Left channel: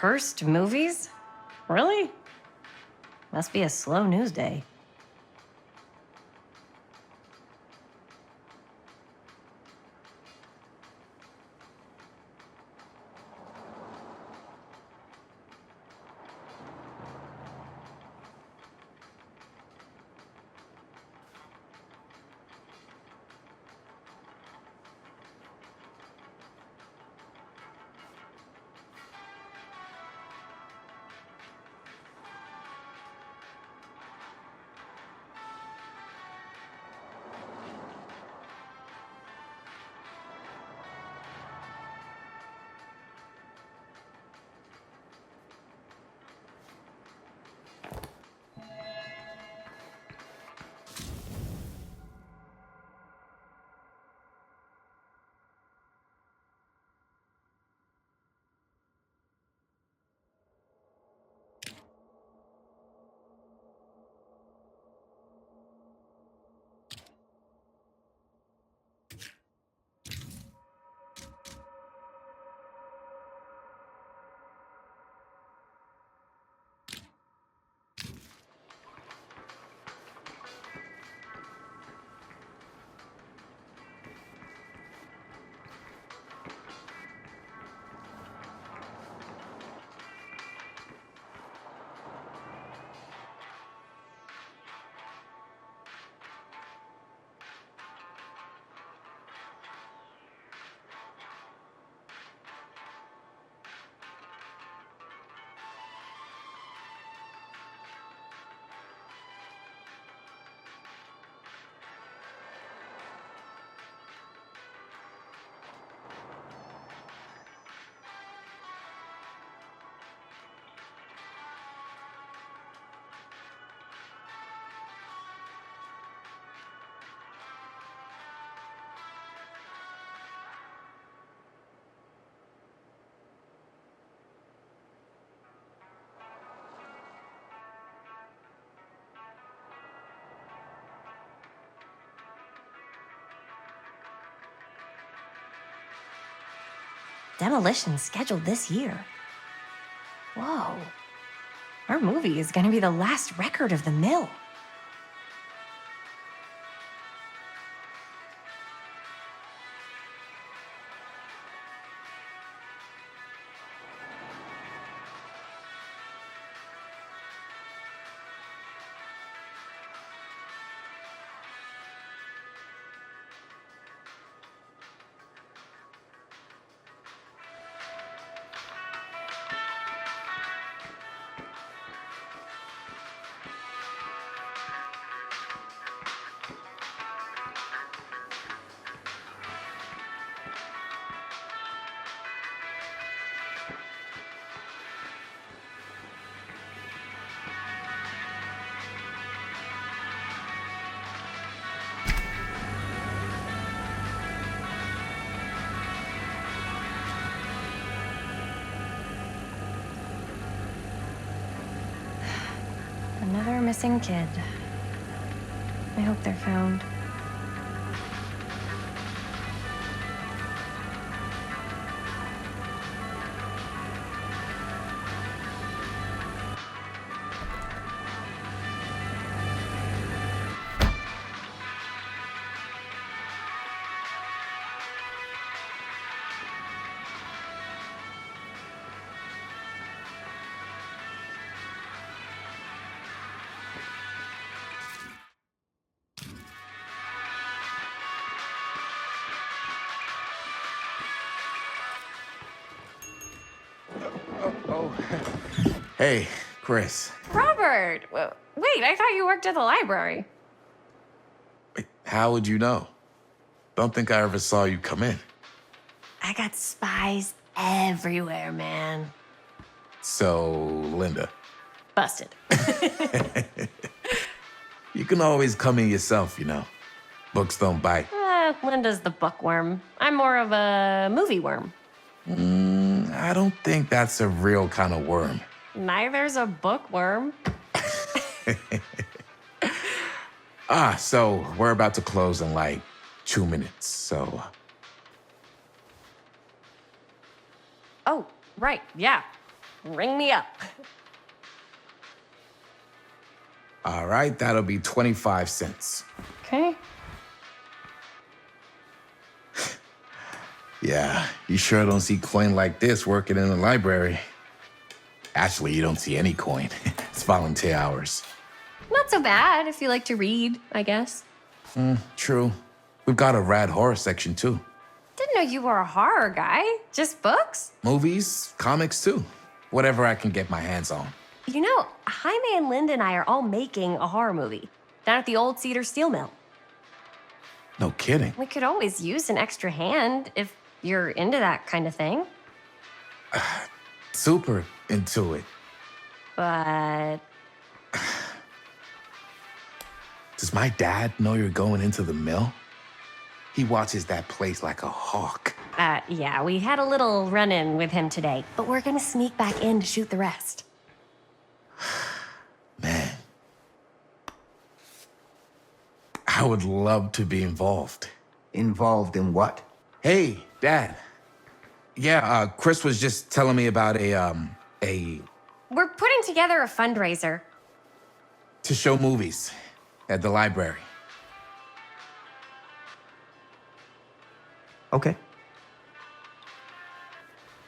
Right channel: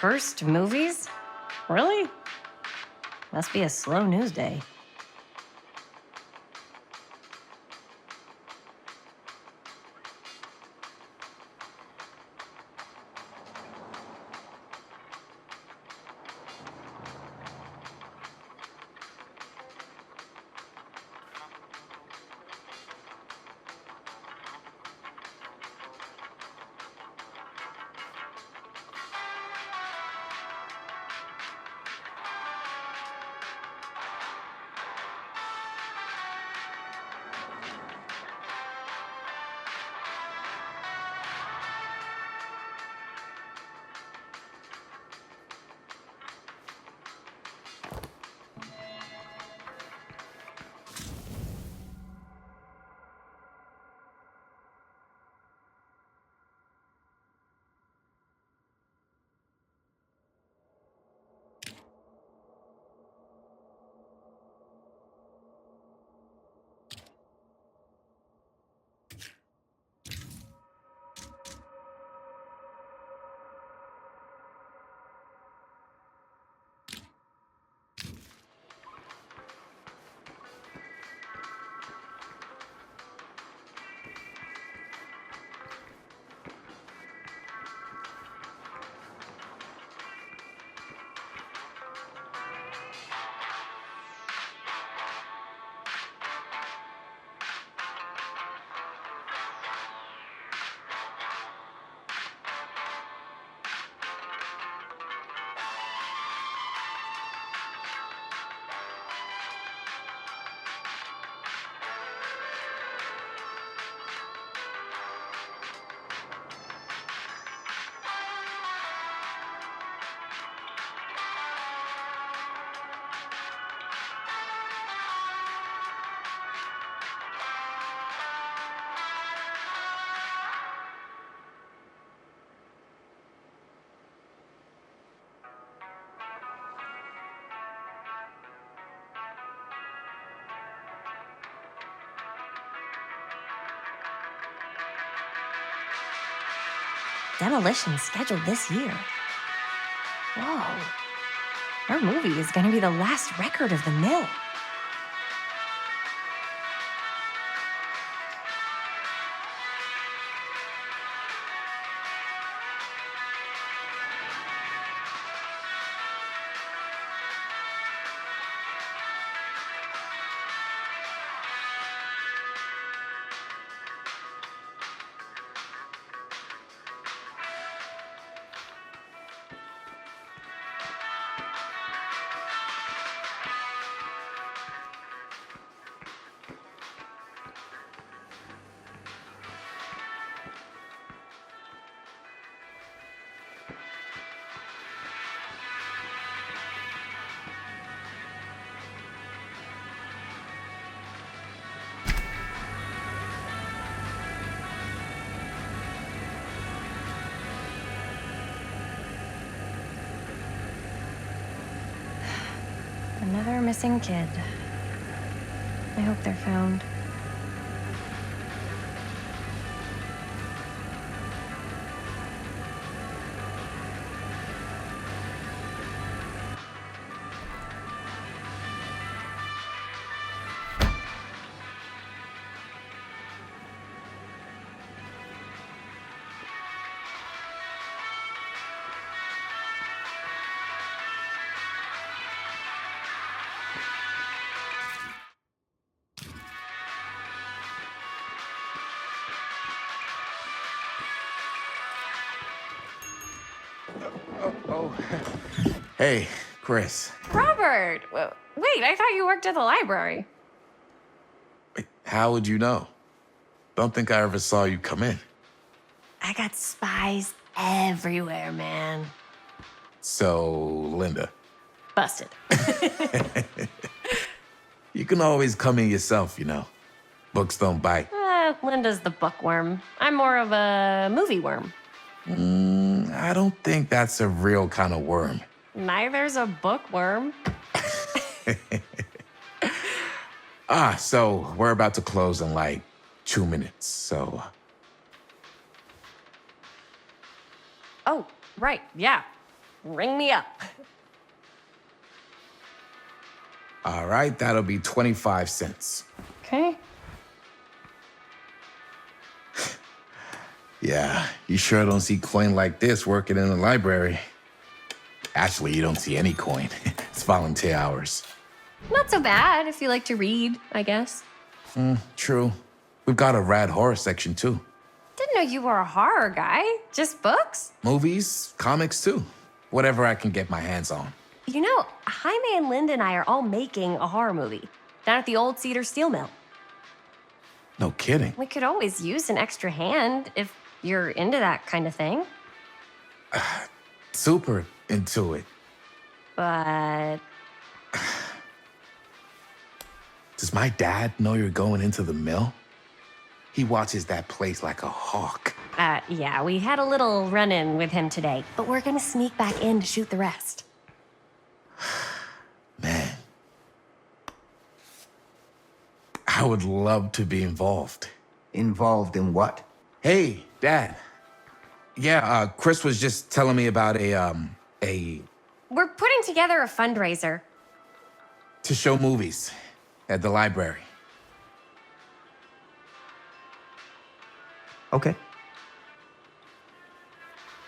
Cursed movies? Really? Must be a slow news day. Demolition scheduled this year. Whoa. Our movie is gonna be the last record of the mill. Another missing kid. I hope they're found. Oh. Hey, Chris. Robert! Wait, I thought you worked at the library. Wait, how would you know? Don't think I ever saw you come in. I got spies everywhere, man. So, Linda. Busted. You can always come in yourself, you know. Books don't bite. Linda's the bookworm. I'm more of a movie worm. I don't think that's a real kind of worm. Neither's a bookworm. So we're about to close in like 2 minutes, so... Oh, right, yeah. ring me up. All right, that'll be 25 cents. Okay. Yeah, you sure don't see coin like this working in the library. Actually, you don't see any coin. It's volunteer hours. Not so bad if you like to read, I guess. True. We've got a rad horror section, too. Didn't know you were a horror guy. Just books? Movies, comics, too. Whatever I can get my hands on. You know, Jaime and Linda and I are all making a horror movie down at the old Cedar Steel Mill. No kidding. We could always use an extra hand if you're into that kind of thing. Super into it. But Does my dad know you're going into the mill? He watches that place like a hawk. yeah, we had a little run-in with him today, but we're gonna sneak back in to shoot the rest. Man. I would love to be involved. Involved in what? Hey, Dad. Yeah, Chris was just telling me about a We're putting together a fundraiser. to show movies at the library. Okay.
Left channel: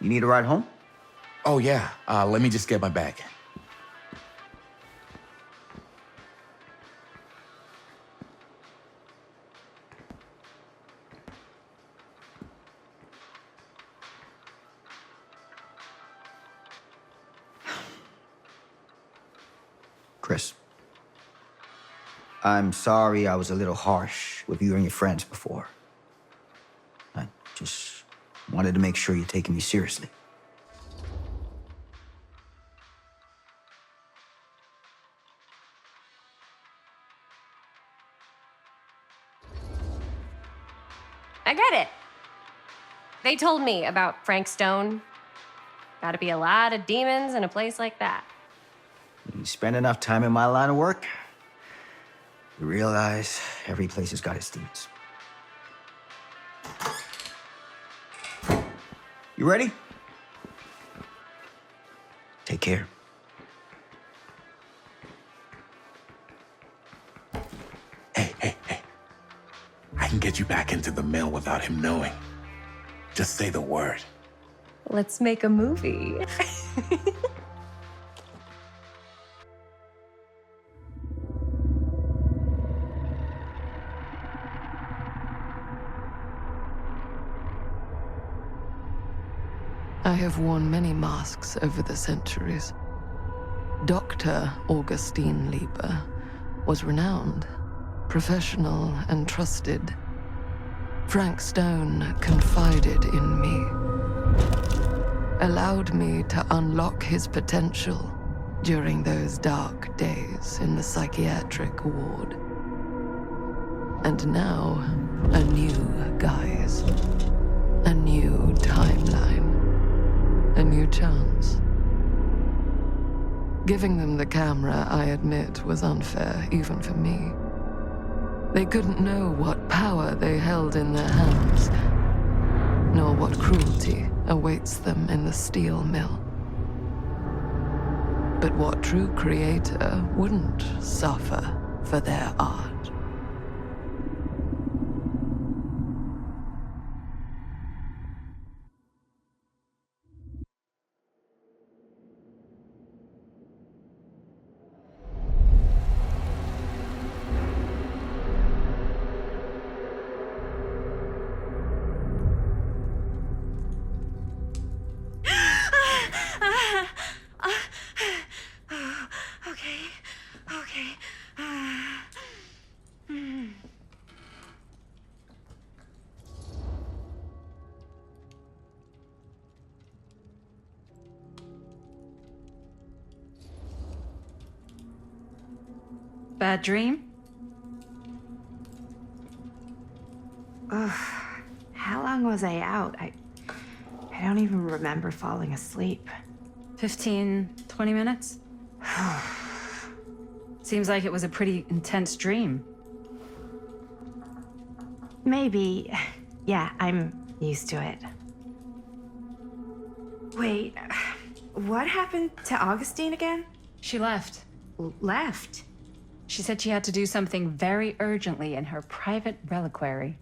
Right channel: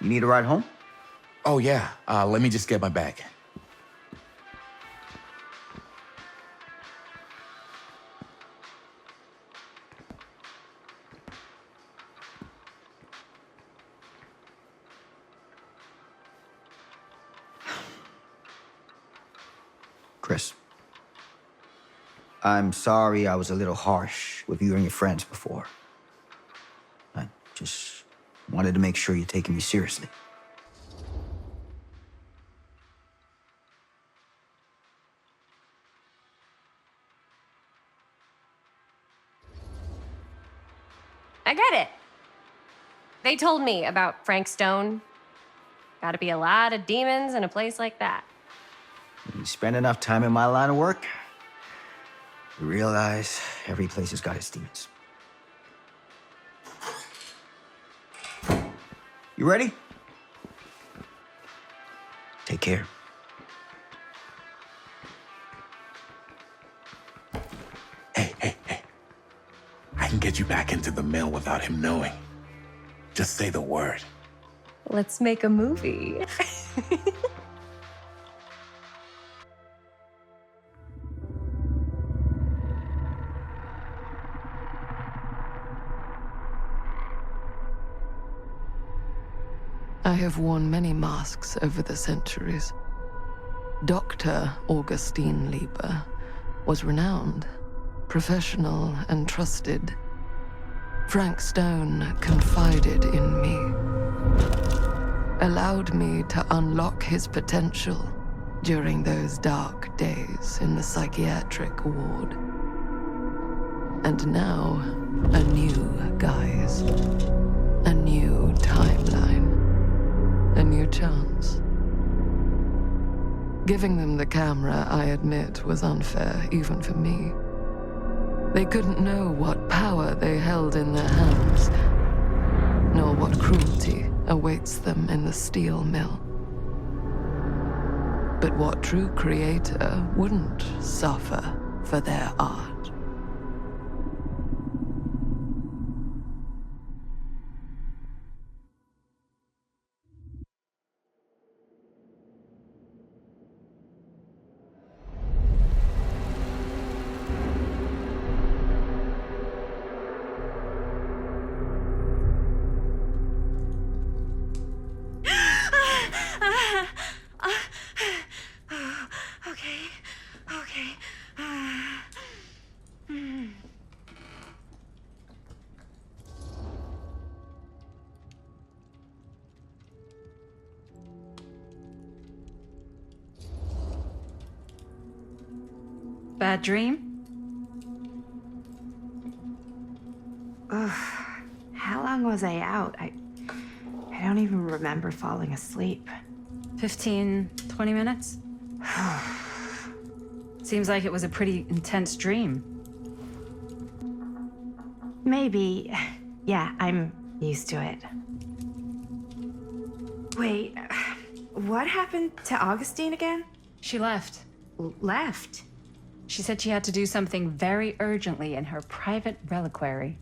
You need a ride home? Oh, yeah. Let me just get my bag. Chris. I'm sorry I was a little harsh with you and your friends before. I just wanted to make sure you're taking me seriously. I get it. They told me about Frank Stone. Gotta be a lot of demons in a place like that. When you spend enough time in my line of work, you realize every place has got its demons. You ready? Take care. Hey. I can get you back into the mill without him knowing. Just say the word. Let's make a movie. I have worn many masks over the centuries. Dr. Augustine Lieber was renowned, professional, and trusted. Frank Stone confided in me, allowed me to unlock his potential during those dark days in the psychiatric ward. And now, a new guise, a new timeline. A new chance. Giving them the camera, I admit, was unfair, even for me. They couldn't know what power they held in their hands, nor what cruelty awaits them in the steel mill. But what true creator wouldn't suffer for their art? Okay. Bad dream? Ugh. How long was I out? I don't even remember falling asleep. 15, 20 minutes? Seems like it was a pretty intense dream. Maybe. Yeah, I'm used to it. Wait, What happened to Augustine again? She left. Left? She said she had to do something very urgently in her private reliquary.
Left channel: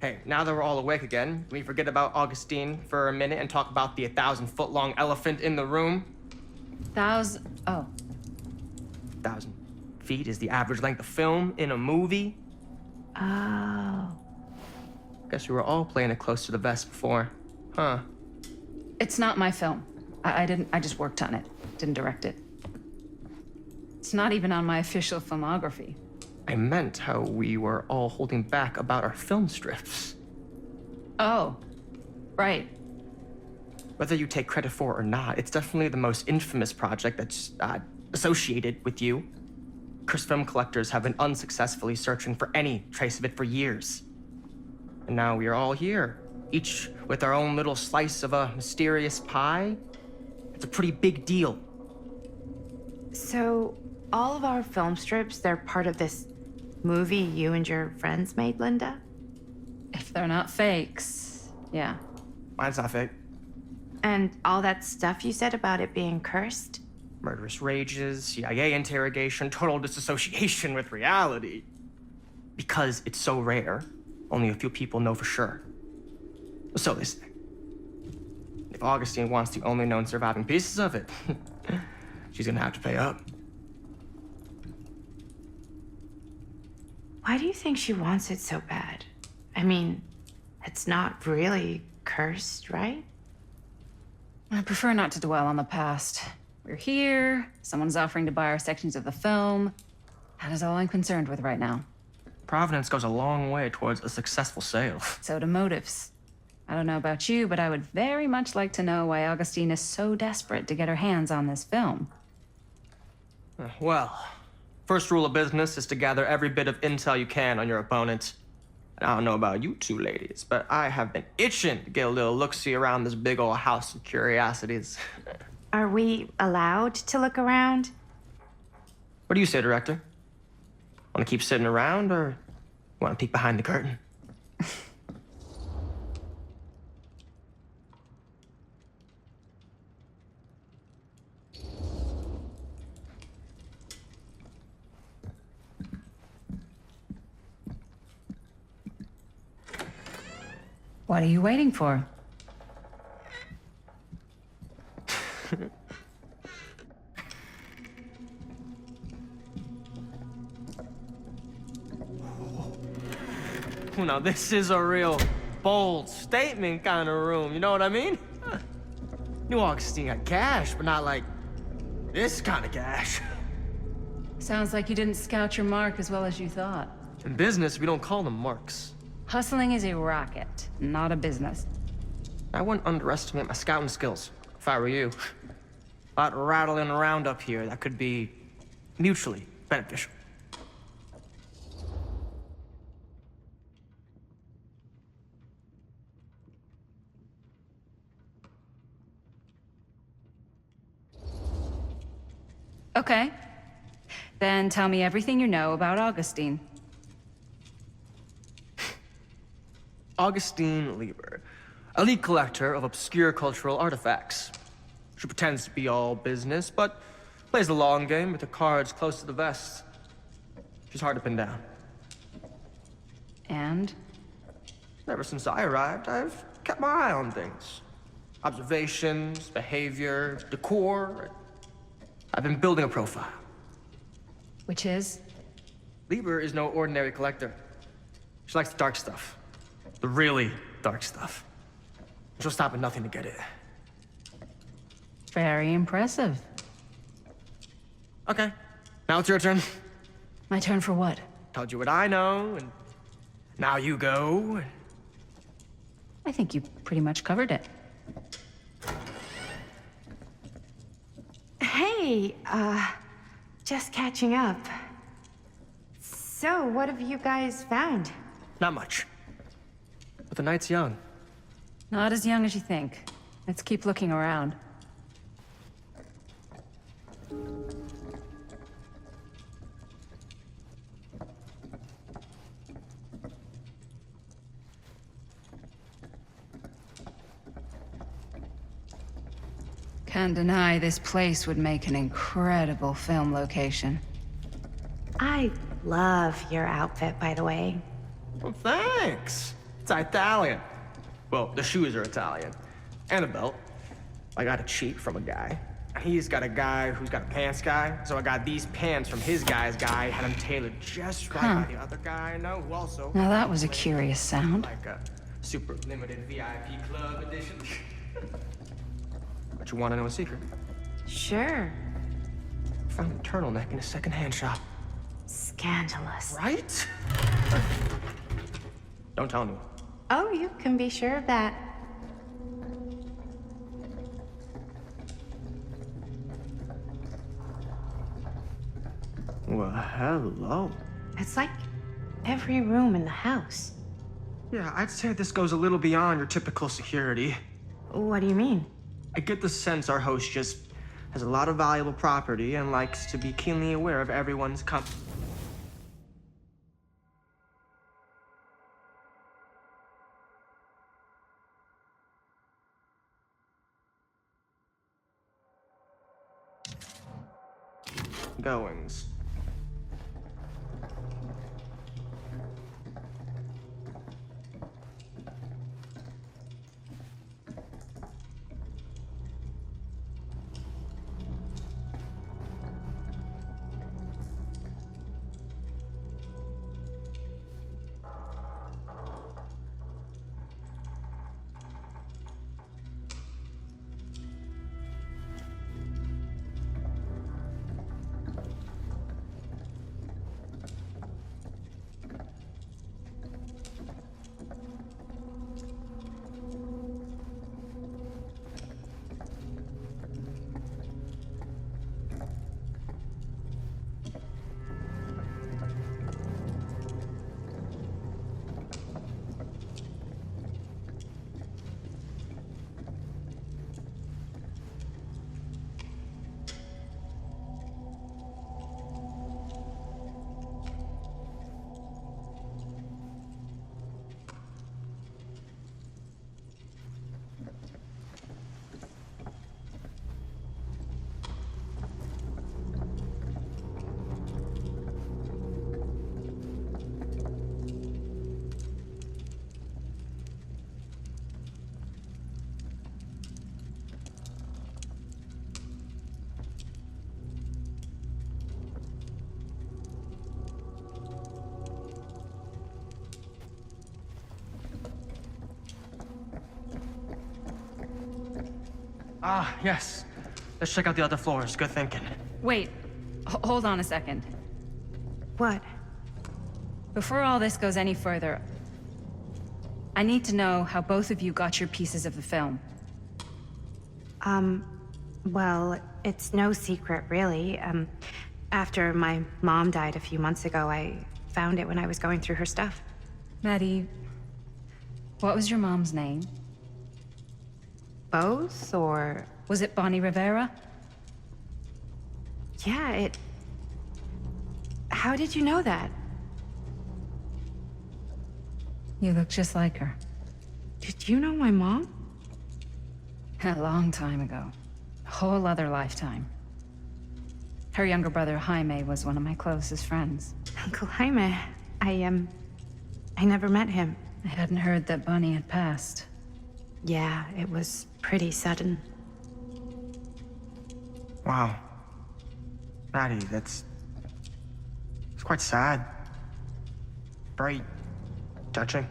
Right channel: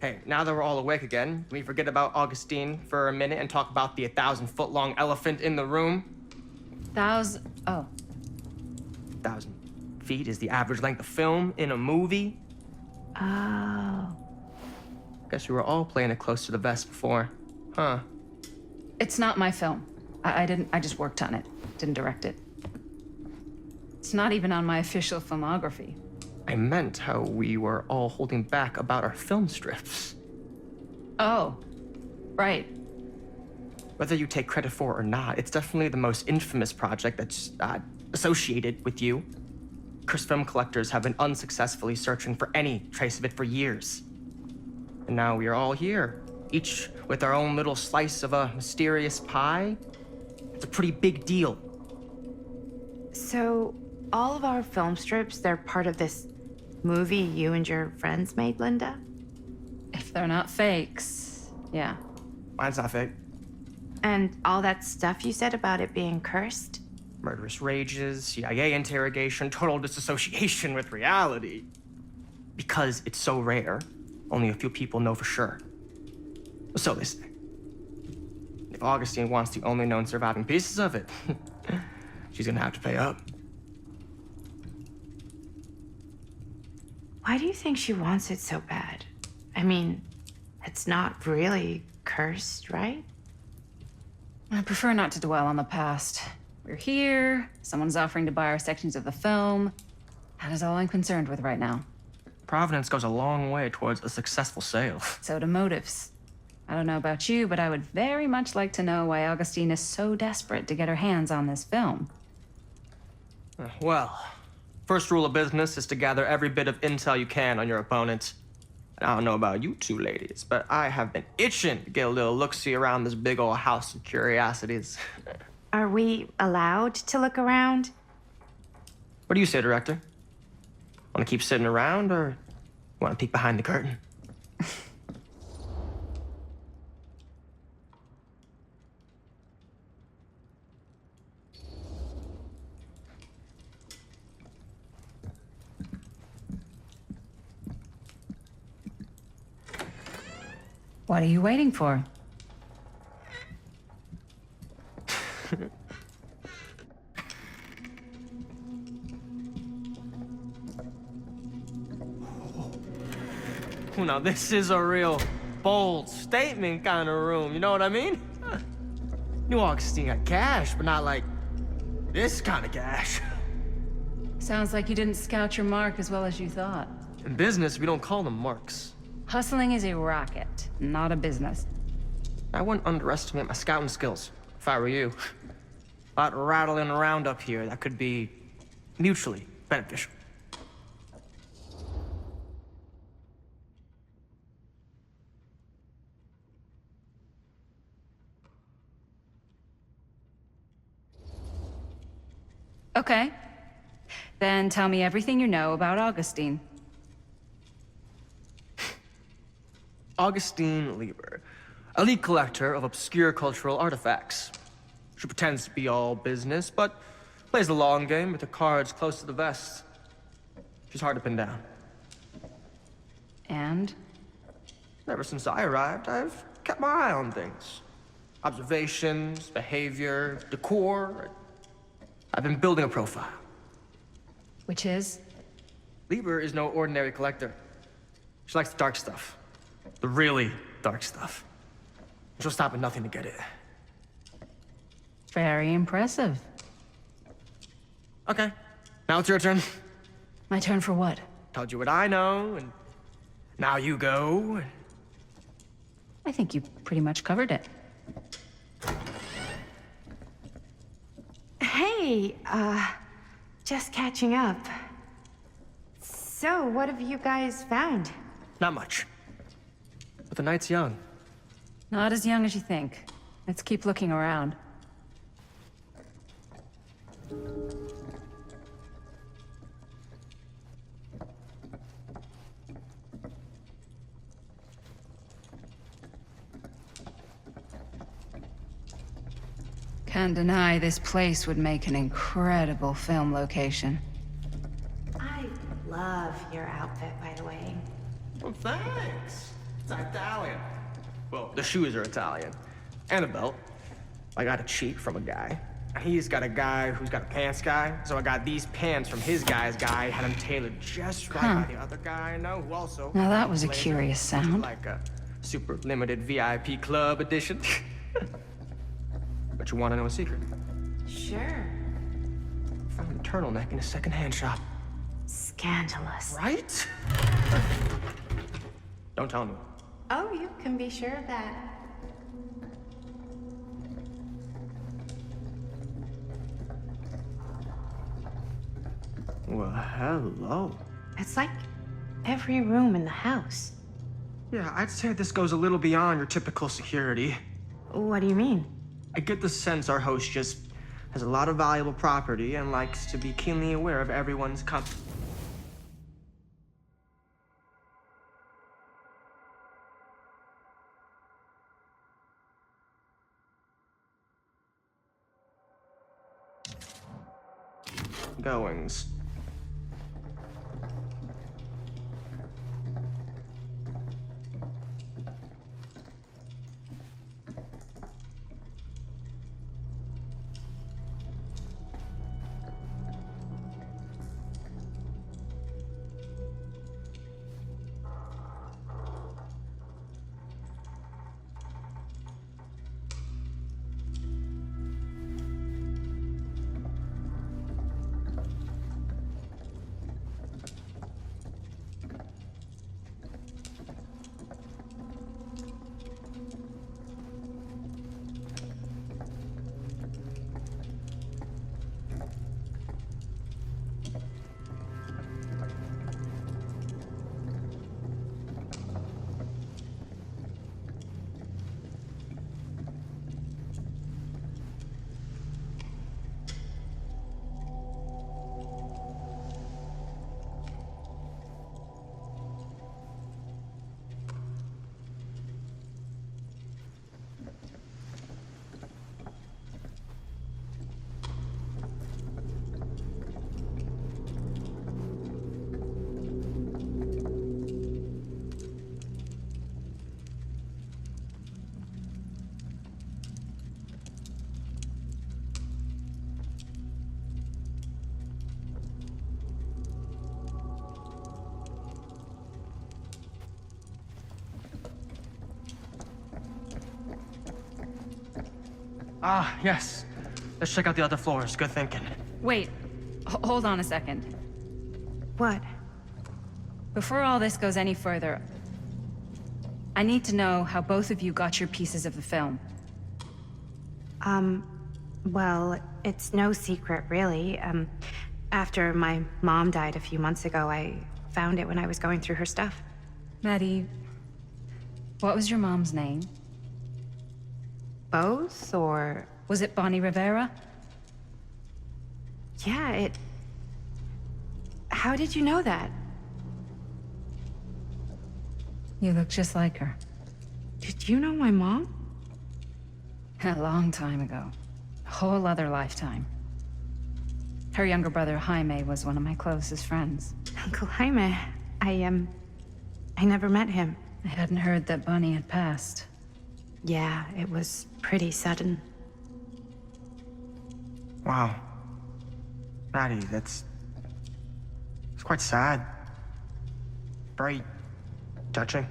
Hey, now that we're all awake again, can we forget about Augustine for a minute and talk about the 1,000-foot-long elephant in the room? Oh. 1,000 feet is the average length of film in a movie. Oh. Guess we were all playing it close to the vest before, huh? It's not my film. I just worked on it. Didn't direct it. It's not even on my official filmography. I meant how we were all holding back about our film strips. Oh, right. Whether you take credit for it or not, it's definitely the most infamous project that's associated with you. Cursed film collectors have been unsuccessfully searching for any trace of it for years. And now we are all here, each with our own little slice of a mysterious pie. It's a pretty big deal. So, all of our film strips, they're part of this movie you and your friends made, Linda? If they're not fakes, yeah. Mine's not fake. And all that stuff you said about it being cursed? Murderous rages, CIA interrogation, total disassociation with reality. Because it's so rare, only a few people know for sure. So they say. If Augustine wants the only known surviving pieces of it, she's gonna have to pay up. Why do you think she wants it so bad? I mean, it's not really cursed, right? I prefer not to dwell on the past. We're here, someone's offering to buy our sections of the film. That is all I'm concerned with right now. Providence goes a long way towards a successful sale. So do motives. I don't know about you, but I would very much like to know why Augustine is so desperate to get her hands on this film. Well, first rule of business is to gather every bit of intel you can on your opponent. And I don't know about you two ladies, but I have been itching to get a little look-see around this big old house of curiosities. Are we allowed to look around? What do you say, director? Want to keep sitting around, or want to peek behind the curtain? What are you waiting for? Now, this is a real bold statement kind of room, you know what I mean? New Augustine got cash, but not like this kind of cash. Sounds like you didn't scout your mark as well as you thought. In business, we don't call them marks. Hustling is a racket, not a business. I wouldn't underestimate my scouting skills, if I were you. A lot rattling around up here that could be mutually beneficial. Okay. Then tell me everything you know about Augustine. Augustine Lieber, elite collector of obscure cultural artifacts. She pretends to be all business, but plays the long game with the cards close to the vest. She's hard to pin down. And? Ever since I arrived, I've kept my eye on things. Observations, behavior, decor. I've been building a profile. Which is? Lieber is no ordinary collector. She likes the dark stuff. The really dark stuff. She'll stop at nothing to get it. Very impressive. Okay, now it's your turn. My turn for what? Told you what I know, and now you go. I think you pretty much covered it. Hey, just catching up. So, what have you guys found? Not much. But the night's young. Not as young as you think. Let's keep looking around. Can't deny this place would make an incredible film location. I love your outfit, by the way. Well, thanks. It's Italian. Well, the shoes are Italian. And a belt. I got a cheat from a guy. He's got a guy who's got a pants guy, so I got these pants from his guy's guy, had them tailored just right by the other guy I know, who also... Now that was a curious sound. Like a super limited VIP club edition. But you want to know a secret? Sure. Found a turtleneck in a secondhand shop. Scandalous. Right? Don't tell anyone. Oh, you can be sure of that. Well, hello. It's like every room in the house. Yeah, I'd say this goes a little beyond your typical security. What do you mean? I get the sense our host just has a lot of valuable property and likes to be keenly aware of everyone's goings. Ah, yes. Let's check out the other floors. Good thinking. Wait, hold on a second. What? Before all this goes any further, I need to know how both of you got your pieces of the film. Well, it's no secret, really. After my mom died a few months ago, I found it when I was going through her stuff. Maddie, what was your mom's name? Both, or... Was it Bonnie Rivera? Yeah, How did you know that? You look just like her. Did you know my mom? A long time ago. A whole other lifetime. Her younger brother, Jaime, was one of my closest friends. Uncle Jaime. I never met him. I hadn't heard that Bonnie had passed. Yeah, it was pretty sudden. Wow. Maddie, it's quite sad. Very touching.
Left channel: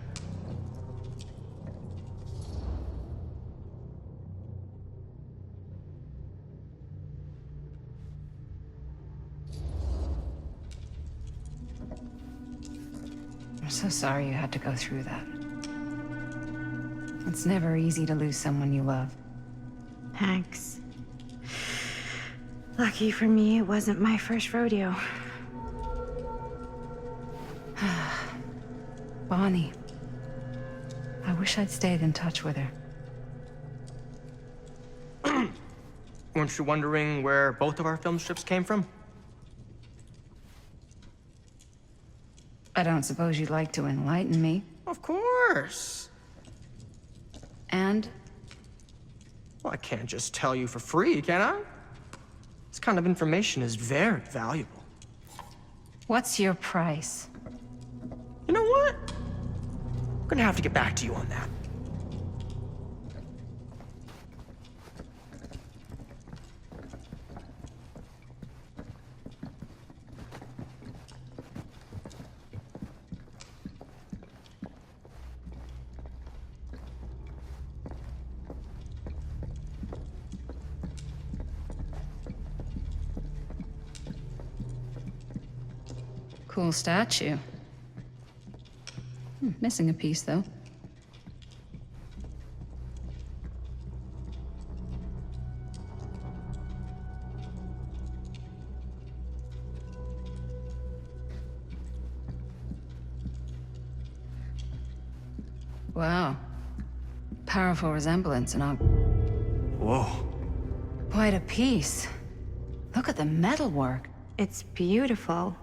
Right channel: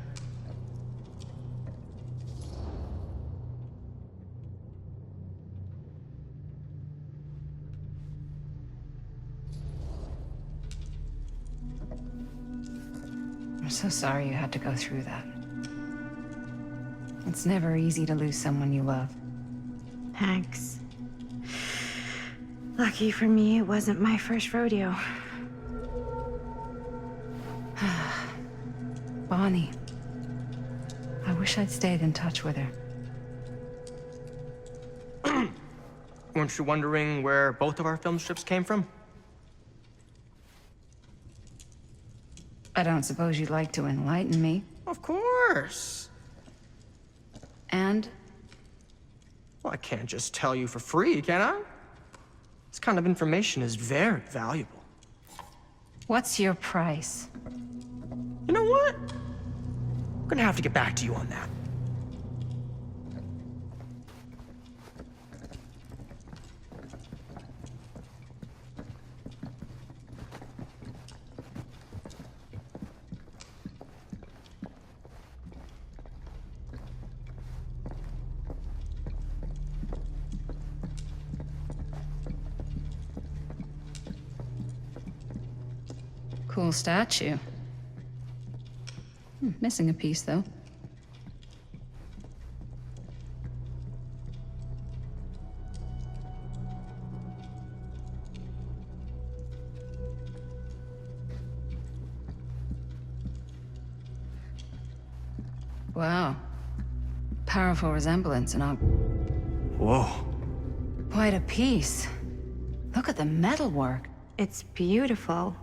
I'm so sorry you had to go through that. It's never easy to lose someone you love. Thanks. Lucky for me, it wasn't my first rodeo. Bonnie. I wish I'd stayed in touch with her. Weren't you wondering where both of our film strips came from? I don't suppose you'd like to enlighten me. Of course. And? Well, I can't just tell you for free, can I? This kind of information is very valuable. What's your price? You know what? I'm gonna have to get back to you on that. Cool statue. Missing a piece, though. Wow. Powerful resemblance and all. Whoa. Quite a piece. Look at the metalwork. It's beautiful.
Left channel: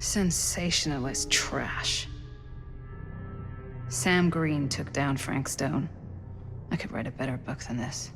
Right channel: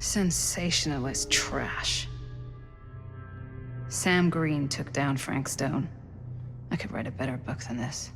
Sensationalist trash. Sam Green took down Frank Stone. I could write a better book than this.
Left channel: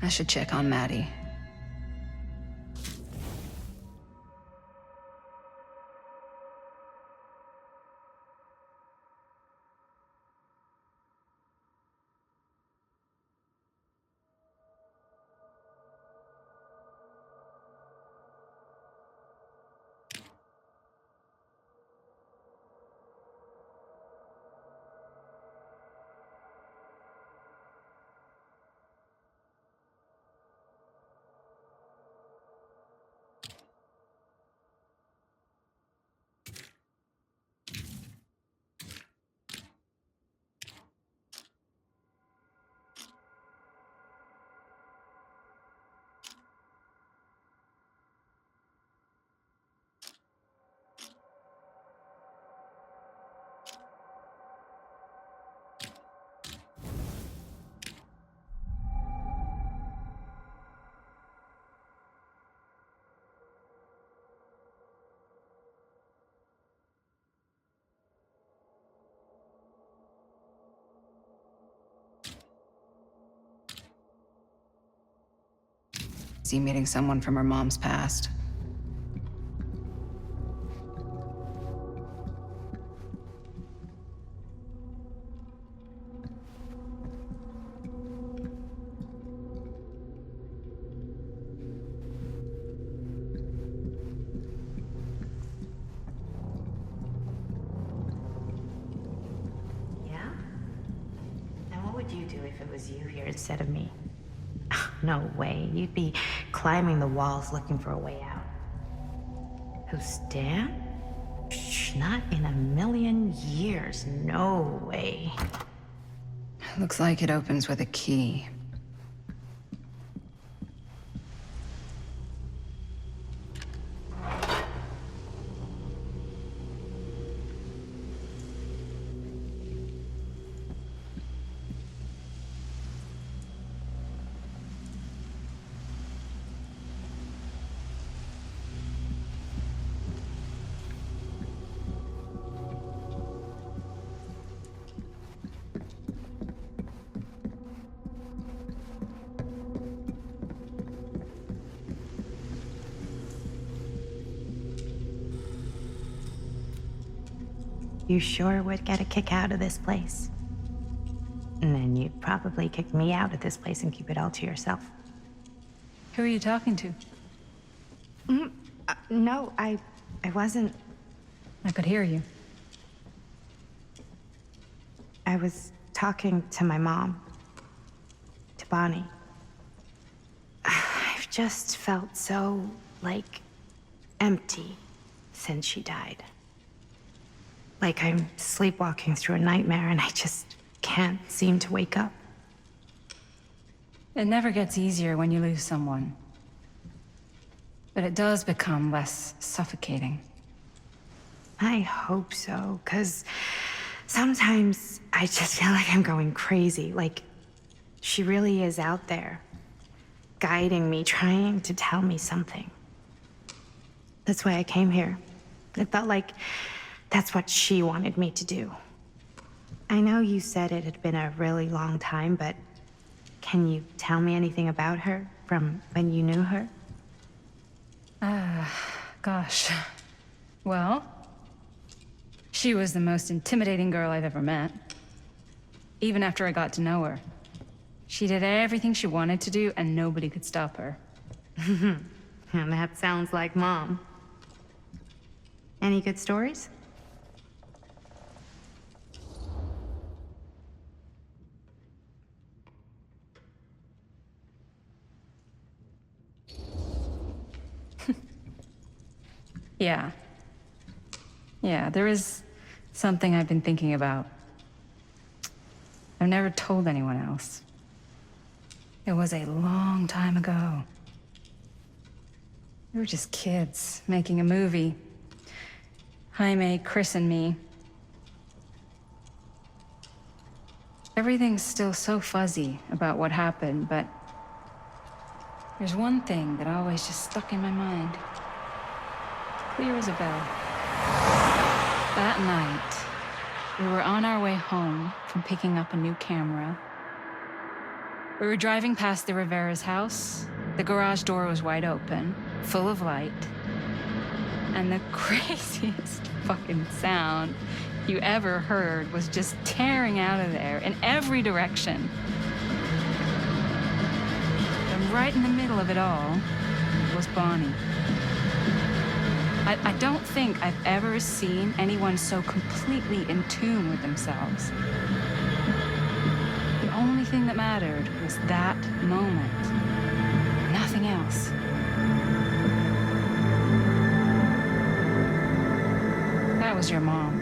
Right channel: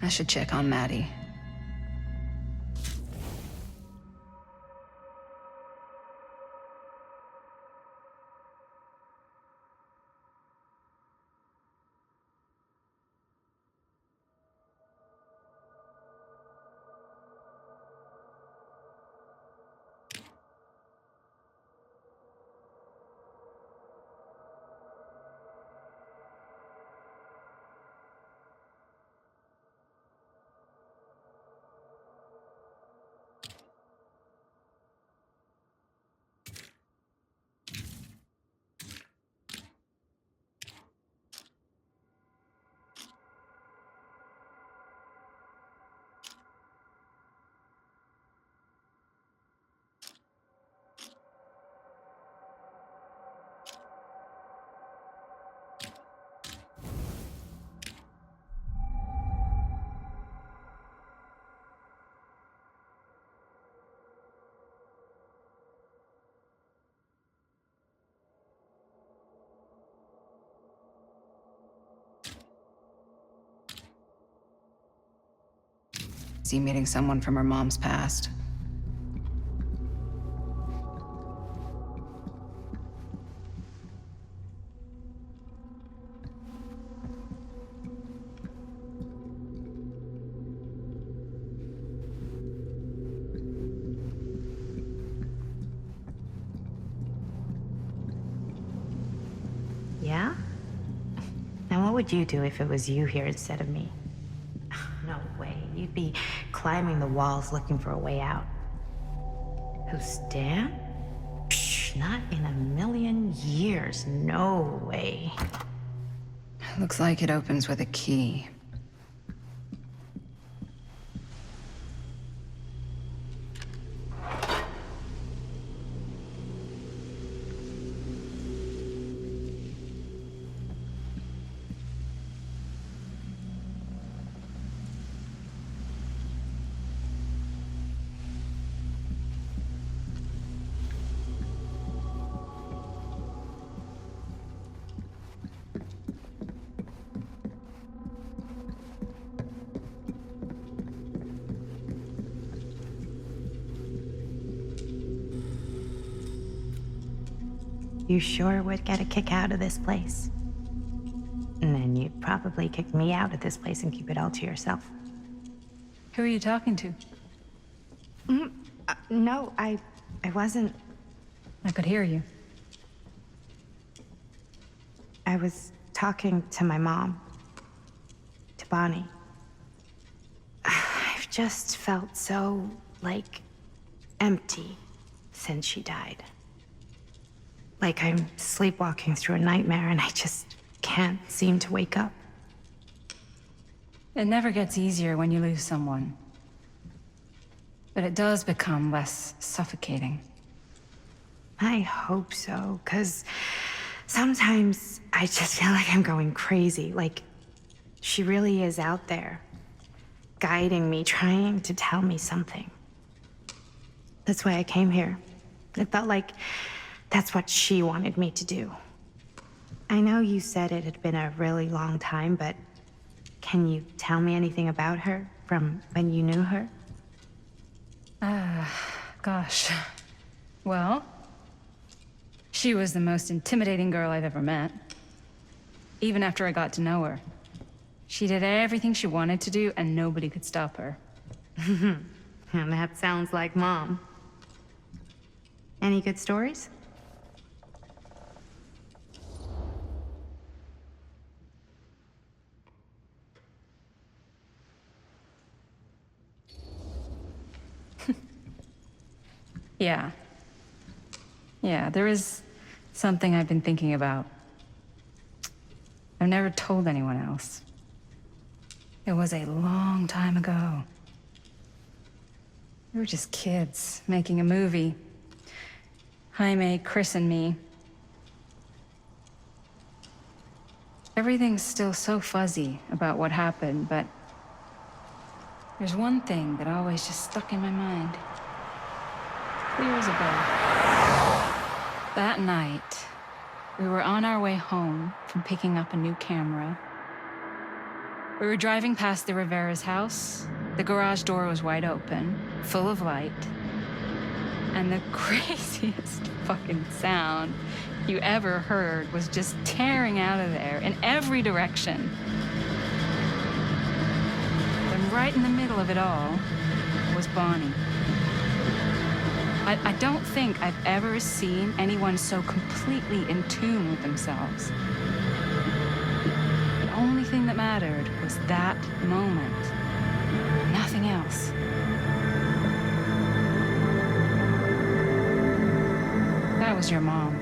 I should check on Maddie. Is he meeting someone from her mom's past? Yeah? Now what would you do if it was you here instead of me? No way. You'd be climbing the walls looking for a way out. Who, Stan? Psh, not in a million years. No way. Looks like it opens with a key. You sure would get a kick out of this place. And then you'd probably kick me out of this place and keep it all to yourself. Who are you talking to? No, I wasn't. I could hear you. I was talking to my mom. To Bonnie. I've just felt so, like, empty since she died. Like I'm sleepwalking through a nightmare and I just can't seem to wake up. It never gets easier when you lose someone. But it does become less suffocating. I hope so, because sometimes I just feel like I'm going crazy. Like, she really is out there, guiding me, trying to tell me something. That's why I came here. It felt like that's what she wanted me to do. I know you said it had been a really long time, but can you tell me anything about her from when you knew her? Gosh. Well, she was the most intimidating girl I've ever met. Even after I got to know her. She did everything she wanted to do, and nobody could stop her. And that sounds like Mom. Any good stories? Yeah. Yeah, there is something I've been thinking about. I've never told anyone else. It was a long time ago. We were just kids making a movie. Jaime, Chris, and me. Everything's still so fuzzy about what happened, but there's one thing that always just stuck in my mind. Clear as a bell. That night, we were on our way home from picking up a new camera. We were driving past the Rivera's house. The garage door was wide open, full of light. And the craziest fucking sound you ever heard was just tearing out of there in every direction. And right in the middle of it all was Bonnie. I don't think I've ever seen anyone so completely in tune with themselves. The only thing that mattered was that moment. Nothing else. That was your mom.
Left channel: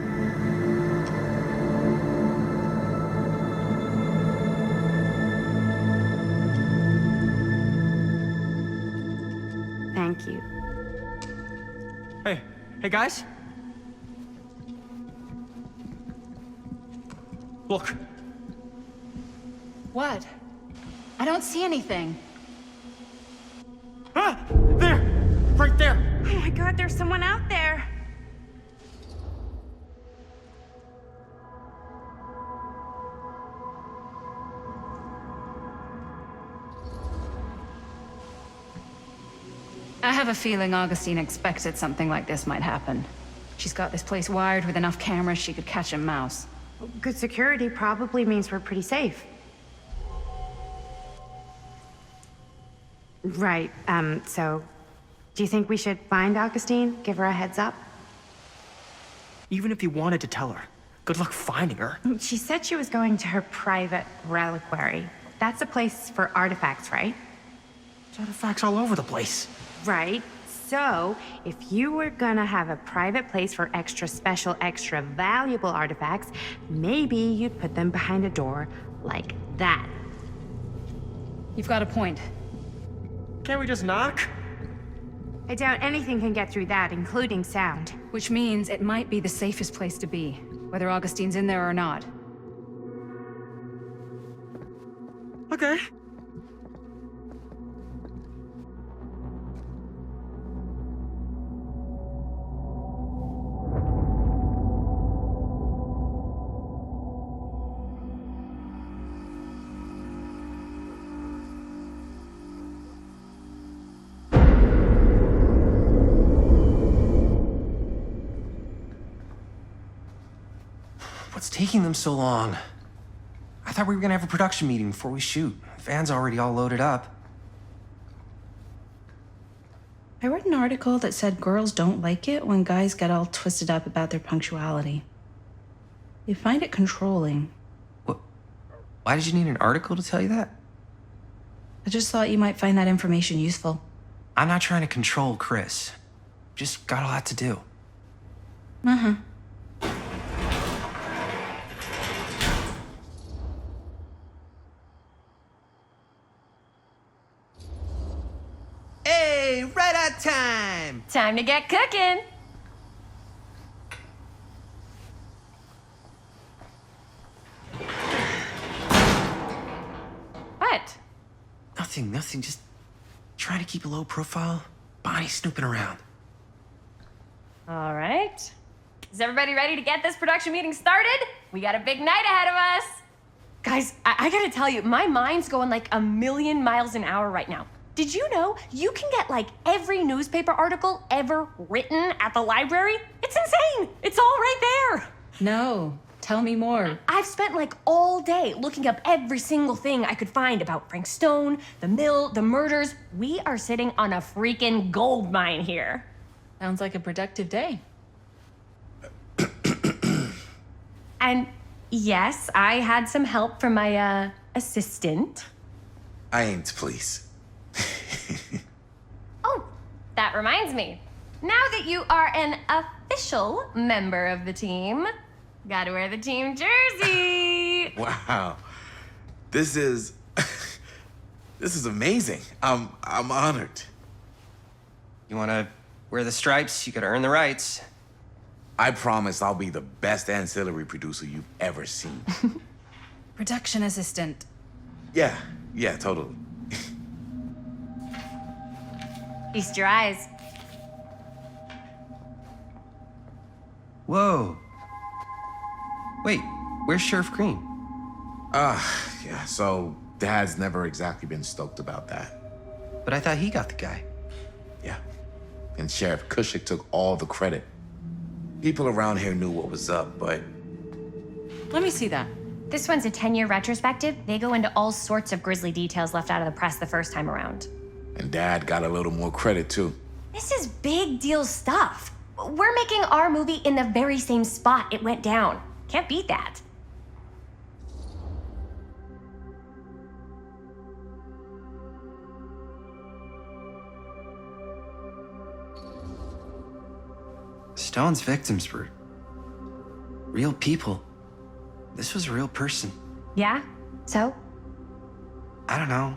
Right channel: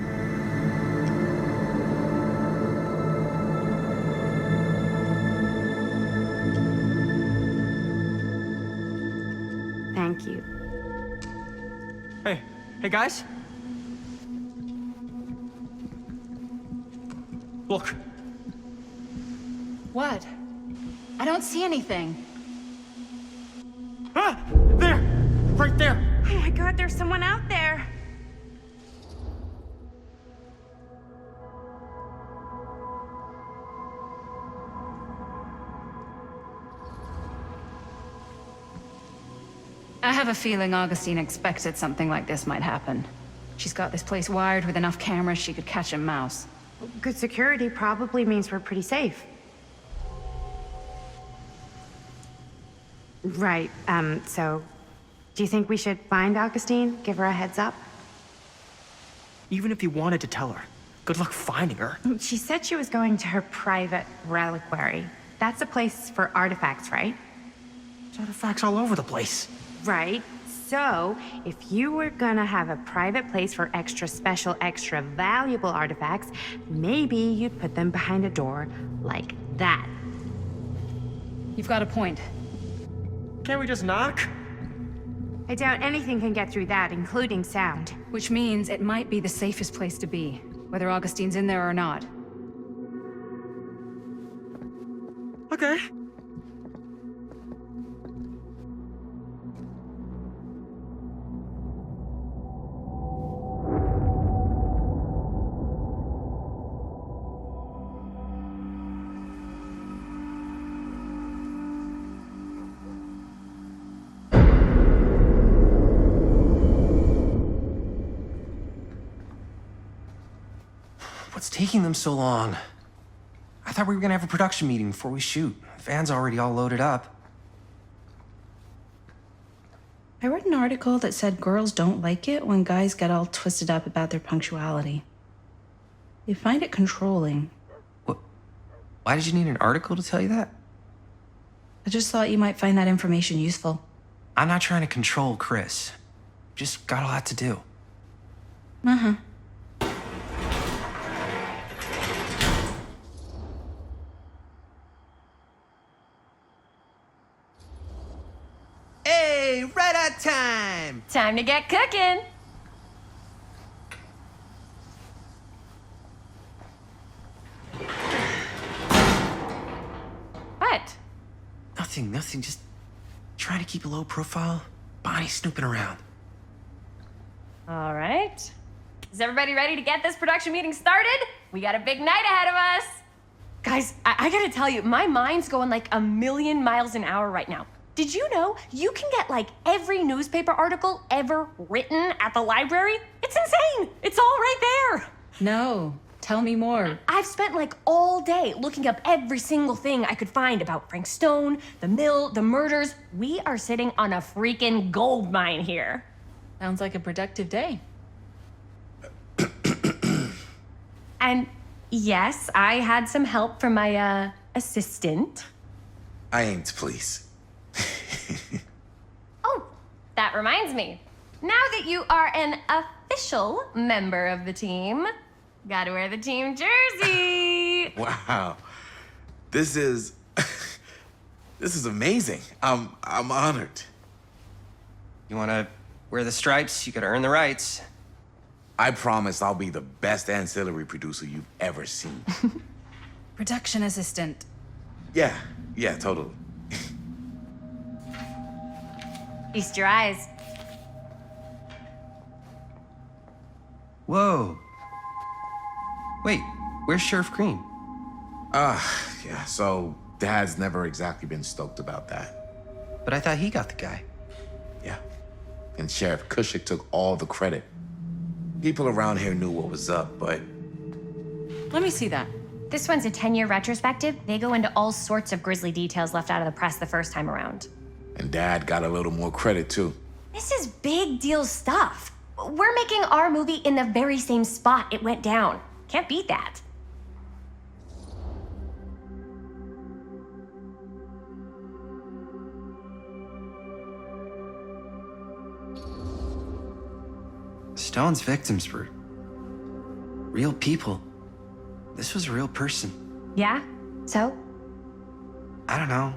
Thank you. Hey guys. Look. What? I don't see anything. Ah! There! Right there! Oh my God, there's someone out there. I have a feeling Augustine expected something like this might happen. She's got this place wired with enough cameras she could catch a mouse. Good security probably means we're pretty safe. Right, so do you think we should find Augustine? Give her a heads up? Even if you wanted to tell her, good luck finding her. She said she was going to her private reliquary. That's a place for artifacts, right? There's artifacts all over the place. Right. So, if you were gonna have a private place for extra special, extra valuable artifacts, maybe you'd put them behind a door like that. You've got a point. Can't we just knock? I doubt anything can get through that, including sound. Which means it might be the safest place to be, whether Augustine's in there or not. Okay. What's taking them so long? I thought we were gonna have a production meeting before we shoot. The van's already all loaded up. I read an article that said girls don't like it when guys get all twisted up about their punctuality. They find it controlling. What? Why did you need an article to tell you that? I just thought you might find that information useful. I'm not trying to control Chris. Just got a lot to do. Uh-huh. Hey, right on time! Time to get cooking. What? Nothing. Just trying to keep a low profile. Bonnie snooping around. All right. Is everybody ready to get this production meeting started? We got a big night ahead of us. Guys, I gotta tell you, my mind's going like a million miles an hour right now. Did you know you can get like every newspaper article ever written at the library? It's insane. It's all right there. No, tell me more. I've spent like all day looking up every single thing I could find about Frank Stone, the mill, the murders. We are sitting on a freaking gold mine here. Sounds like a productive day. And yes, I had some help from my assistant. I aim to please. Oh, that reminds me. Now that you are an official member of the team, gotta wear the team jersey. Wow. This is amazing. I'm honored. You wanna wear the stripes? You gotta earn the rights. I promise I'll be the best ancillary producer you've ever seen. Production assistant. Yeah, totally. Feast your eyes. Whoa. Wait, where's Sheriff Green? Yeah, so Dad's never exactly been stoked about that. But I thought he got the guy. Yeah. And Sheriff Cushik took all the credit. People around here knew what was up, but Let me see that. This one's a 10-year retrospective. They go into all sorts of grisly details left out of the press the first time around. and Dad got a little more credit too. This is big deal stuff. We're making our movie in the very same spot it went down. Can't beat that. Stone's victims were real people. This was a real person. Yeah? So? I don't know.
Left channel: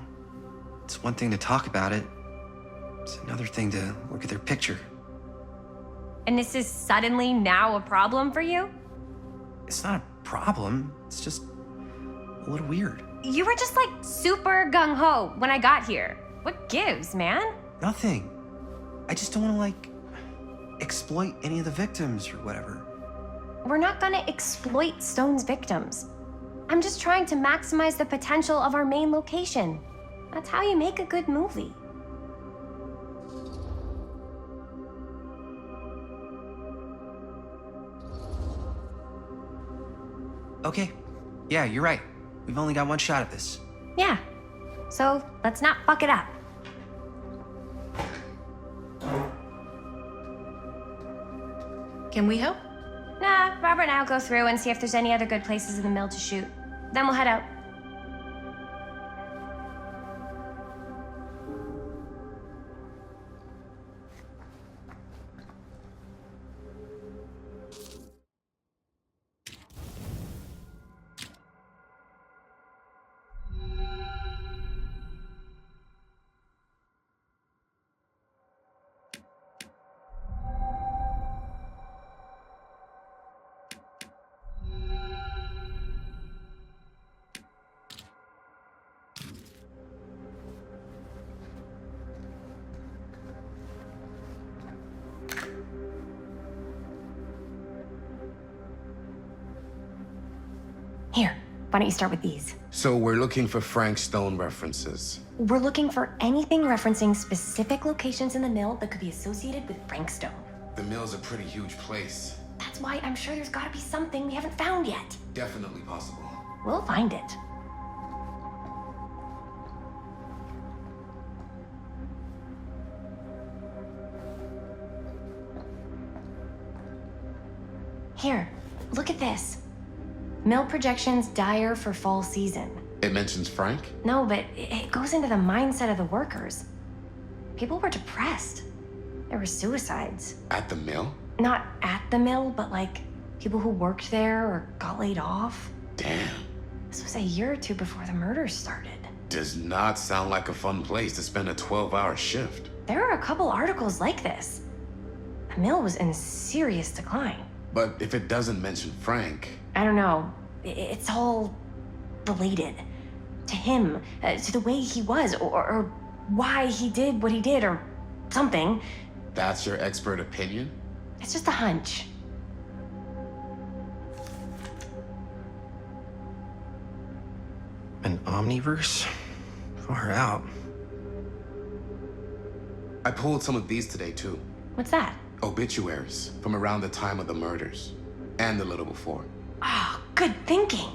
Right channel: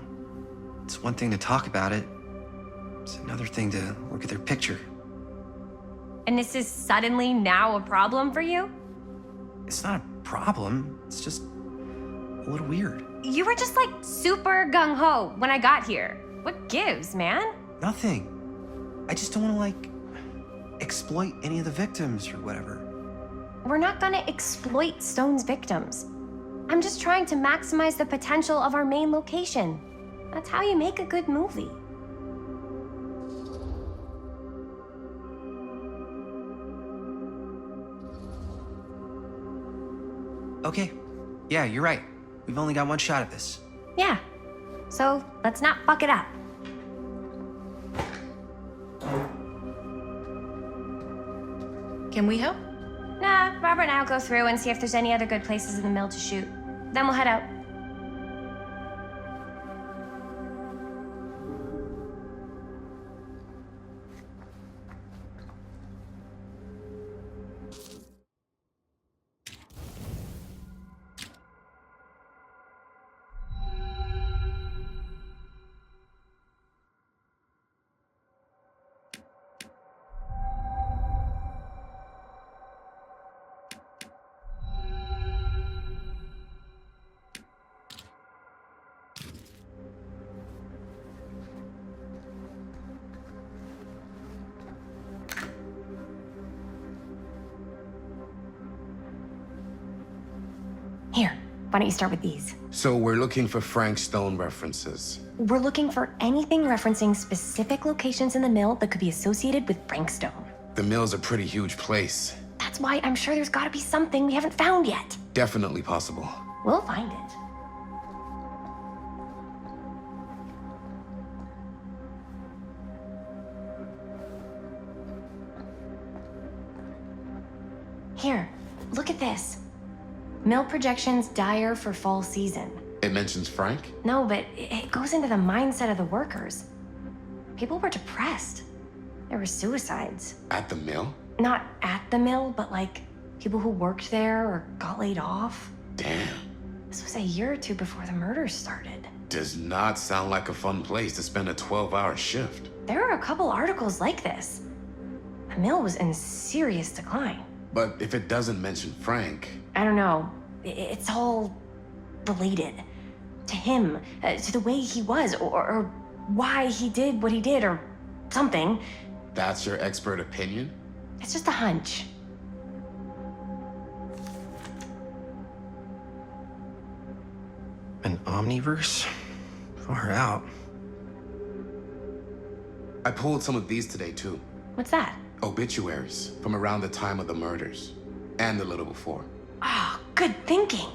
It's one thing to talk about it. It's another thing to look at their picture. And this is suddenly now a problem for you? It's not a problem. It's just a little weird. You were just like super gung-ho when I got here. What gives, man? Nothing. I just don't want to, exploit any of the victims or whatever. We're not gonna exploit Stone's victims. I'm just trying to maximize the potential of our main location. That's how you make a good movie. Okay. Yeah, you're right. We've only got one shot at this. Yeah. So let's not fuck it up. Can we help? Nah, Robert and I'll go through and see if there's any other good places in the mill to shoot. Then we'll head out. Here, why don't you start with these? So we're looking for Frank Stone references. We're looking for anything referencing specific locations in the mill that could be associated with Frank Stone. The mill's a pretty huge place. That's That's why I'm sure there's gotta be something we haven't found yet. Definitely possible. We'll find it. Here, look at this. Mill projections dire for fall season. It mentions Frank? No, but it goes into the mindset of the workers. People were depressed. There were suicides. At the mill? Not at the mill, but like people who worked there or got laid off. Damn. This was a year or two before the murders started. Does not sound like a fun place to spend a 12-hour shift. There are a couple articles like this. The mill was in serious decline. But if it doesn't mention Frank... I don't know. It's all related. To him, to the way he was, or why he did what he did, or something. That's your expert opinion? It's just a hunch. An omniverse? Far out. I pulled some of these today, too. What's that? Obituaries from around the time of the murders. And a little before. Ah, good thinking.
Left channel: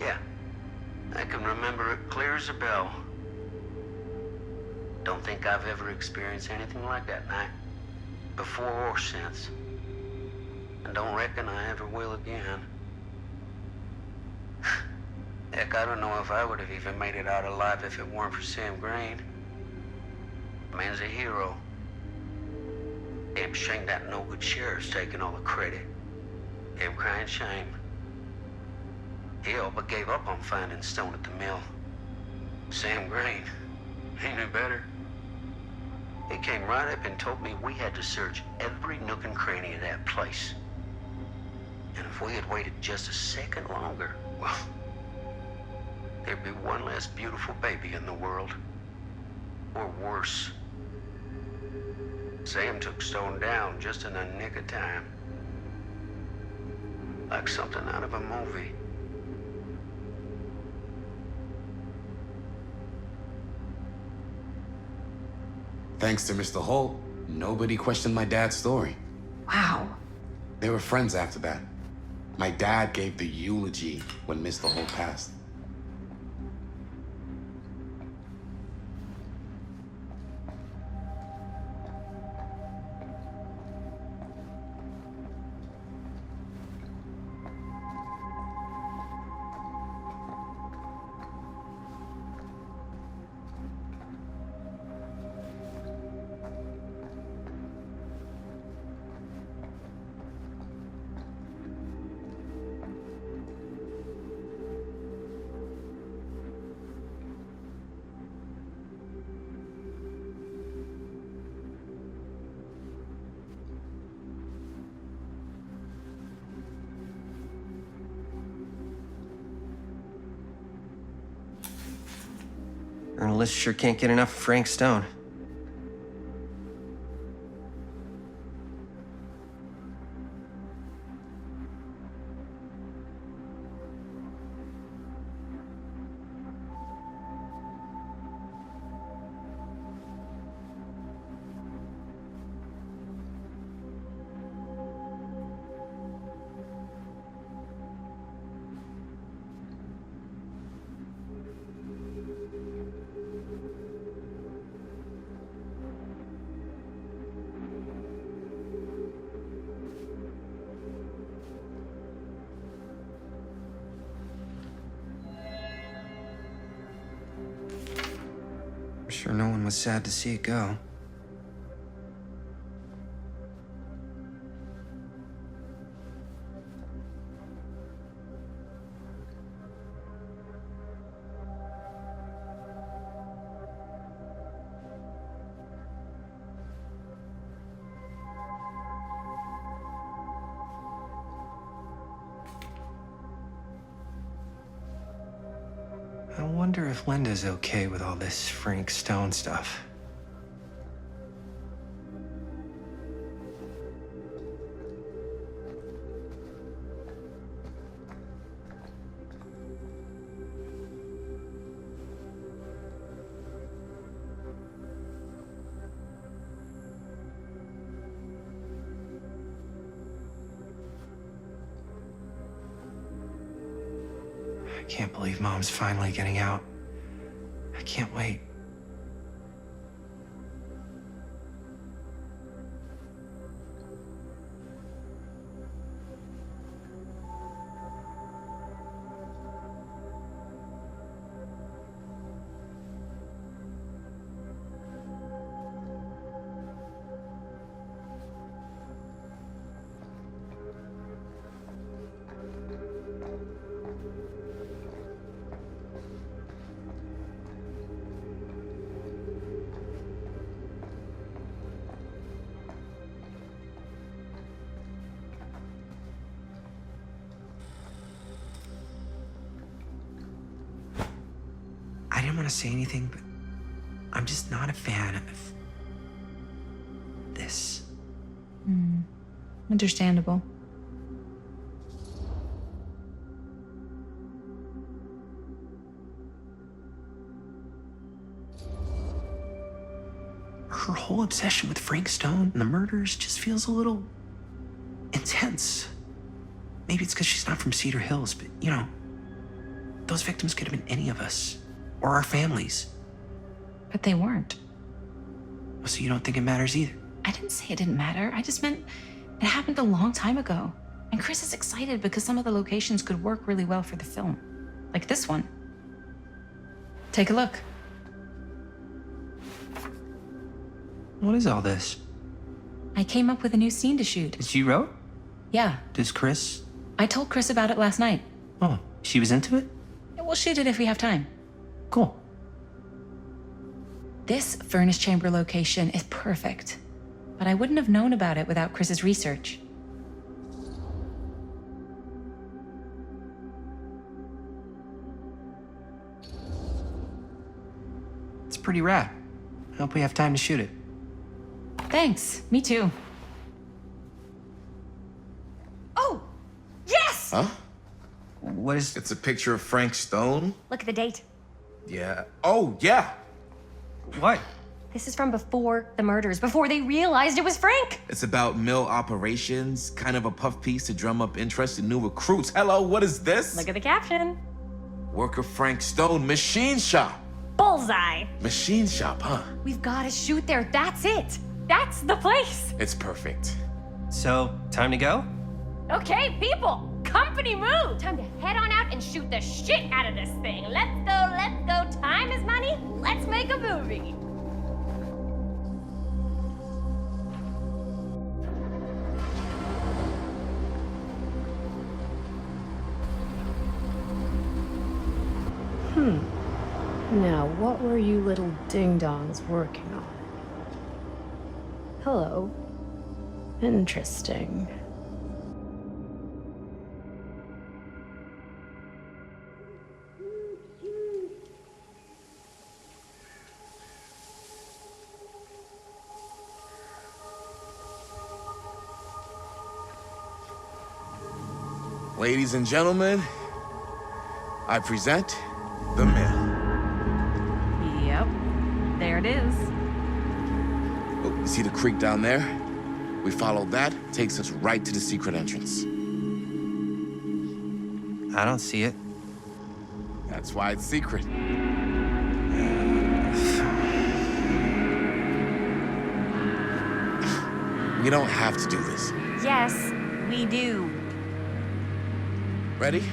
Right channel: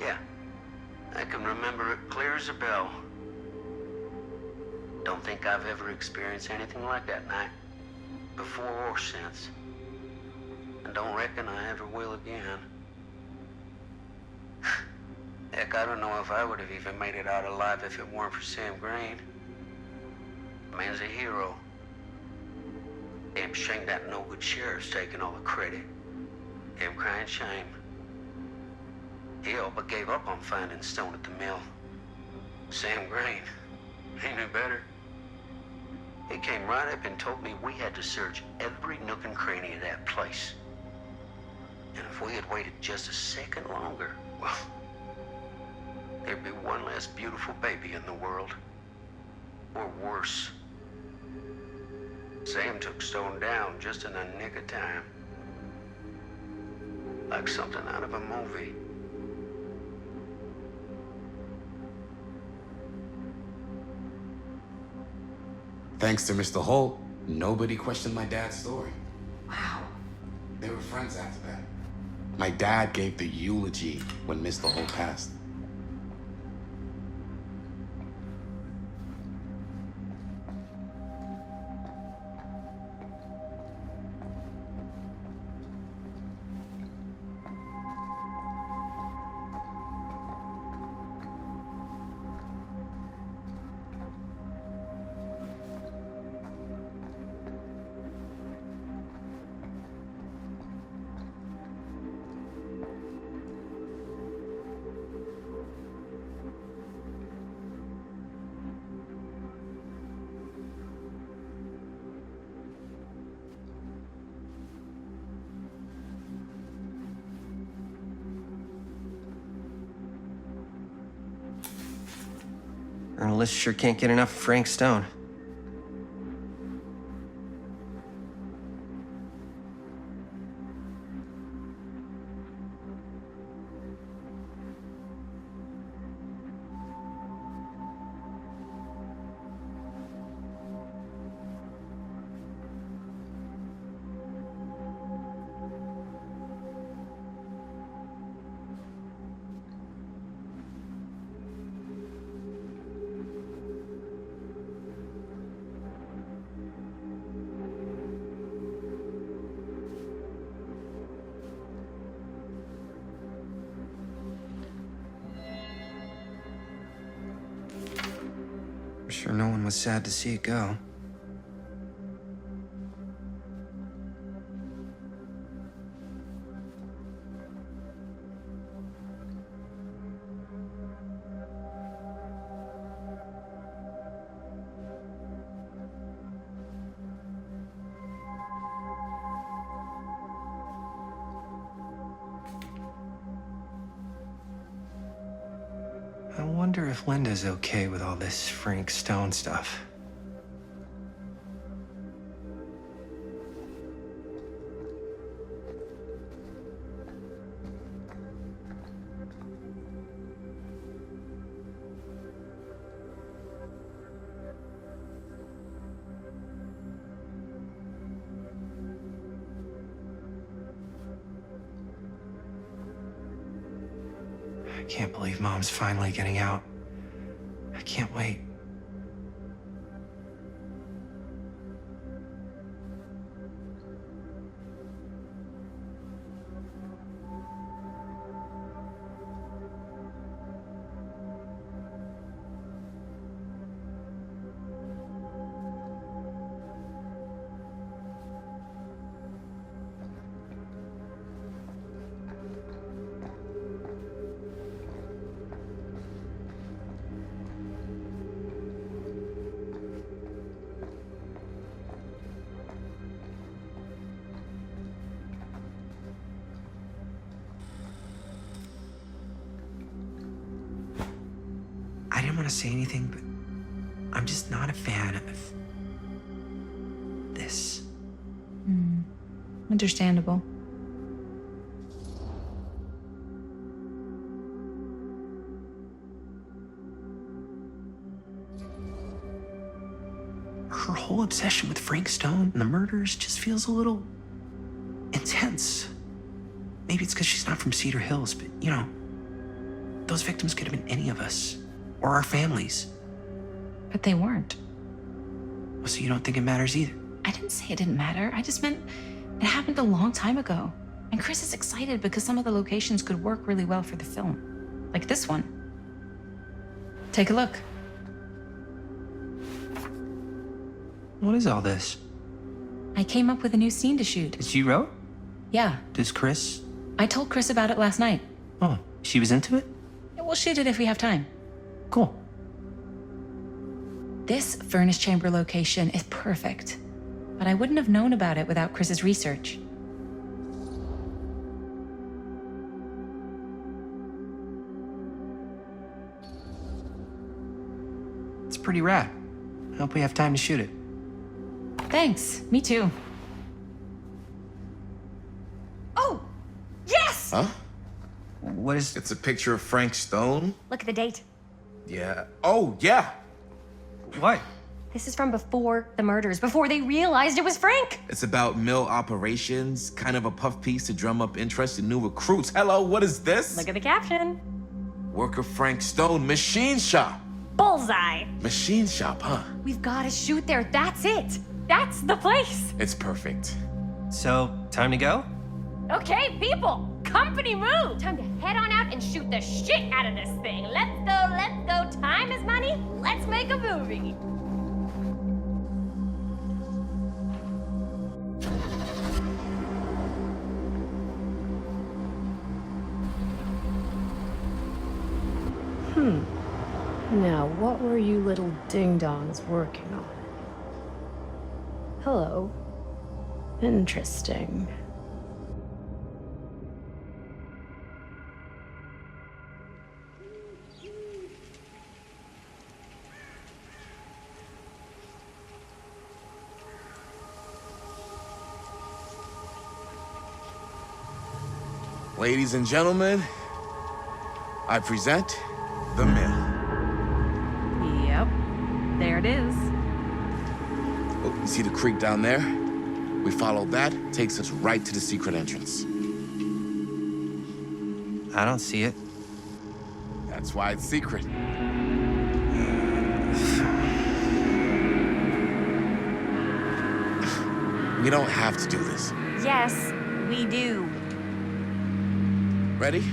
Yeah. I can remember it clear as a bell. Don't think I've ever experienced anything like that night, before or since. And don't reckon I ever will again. Heck, I don't know if I would have even made it out alive if it weren't for Sam Green. Man's a hero. Damn shame that no-good sheriff's taking all the credit. Damn crying shame. He all but gave up on finding Stone at the mill. Sam Green, he knew better. He came right up and told me we had to search every nook and cranny of that place. And if we had waited just a second longer, well, there'd be one less beautiful baby in the world. Or worse. Sam took Stone down just in the nick of time. Like something out of a movie. Thanks to Mr. Holt, nobody questioned my dad's story. Wow. They were friends after that. My dad gave the eulogy when Mr. Holt passed. Journalists sure can't get enough of Frank Stone. Sure no one was sad to see it go. I wonder if Linda's okay with all this Frank Stone stuff. I can't believe Mom's finally getting out. I can't wait. I didn't want to say anything, but I'm just not a fan of this. Understandable. Her whole obsession with Frank Stone and the murders just feels a little intense. Maybe it's because she's not from Cedar Hills, but you know, those victims could have been any of us or our families. But they weren't. So you don't think it matters either? I didn't say it didn't matter. I just meant it happened a long time ago. And Chris is excited because some of the locations could work really well for the film. Like this one. Take a look. What is all this? I came up with a new scene to shoot. That you wrote? Yeah. Does Chris? I told Chris about it last night. Oh, she was into it? We'll shoot it if we have time. Cool. This furnace chamber location is perfect. But I wouldn't have known about it without Chris's research. It's pretty rad. I hope we have time to shoot it. Thanks. Me too. Oh, yes! Huh? What is... It's a picture of Frank Stone? Look at the date. Yeah. Oh, yeah. What? This is from before the murders, before they realized it was Frank. It's about mill operations, kind of a puff piece to drum up interest in new recruits. Hello, what is this? Look at the caption. Worker Frank Stone, machine shop. Bullseye. Machine shop, huh? We've got to shoot there. That's it. That's the place. It's perfect. So, time to go? Okay, people. Company move. Time to head on out and shoot the shit out of this thing. Let's go, let's go. Time is money. Let's make a movie. Now, what were you little ding-dongs working on? Hello. Interesting. Ladies and gentlemen, I present the mill. Yep. There it is. Oh, you see the creek down there? We follow that, takes us right to the secret entrance. I don't see it. That's why it's secret. We don't have to do this. Yes, we do. Ready?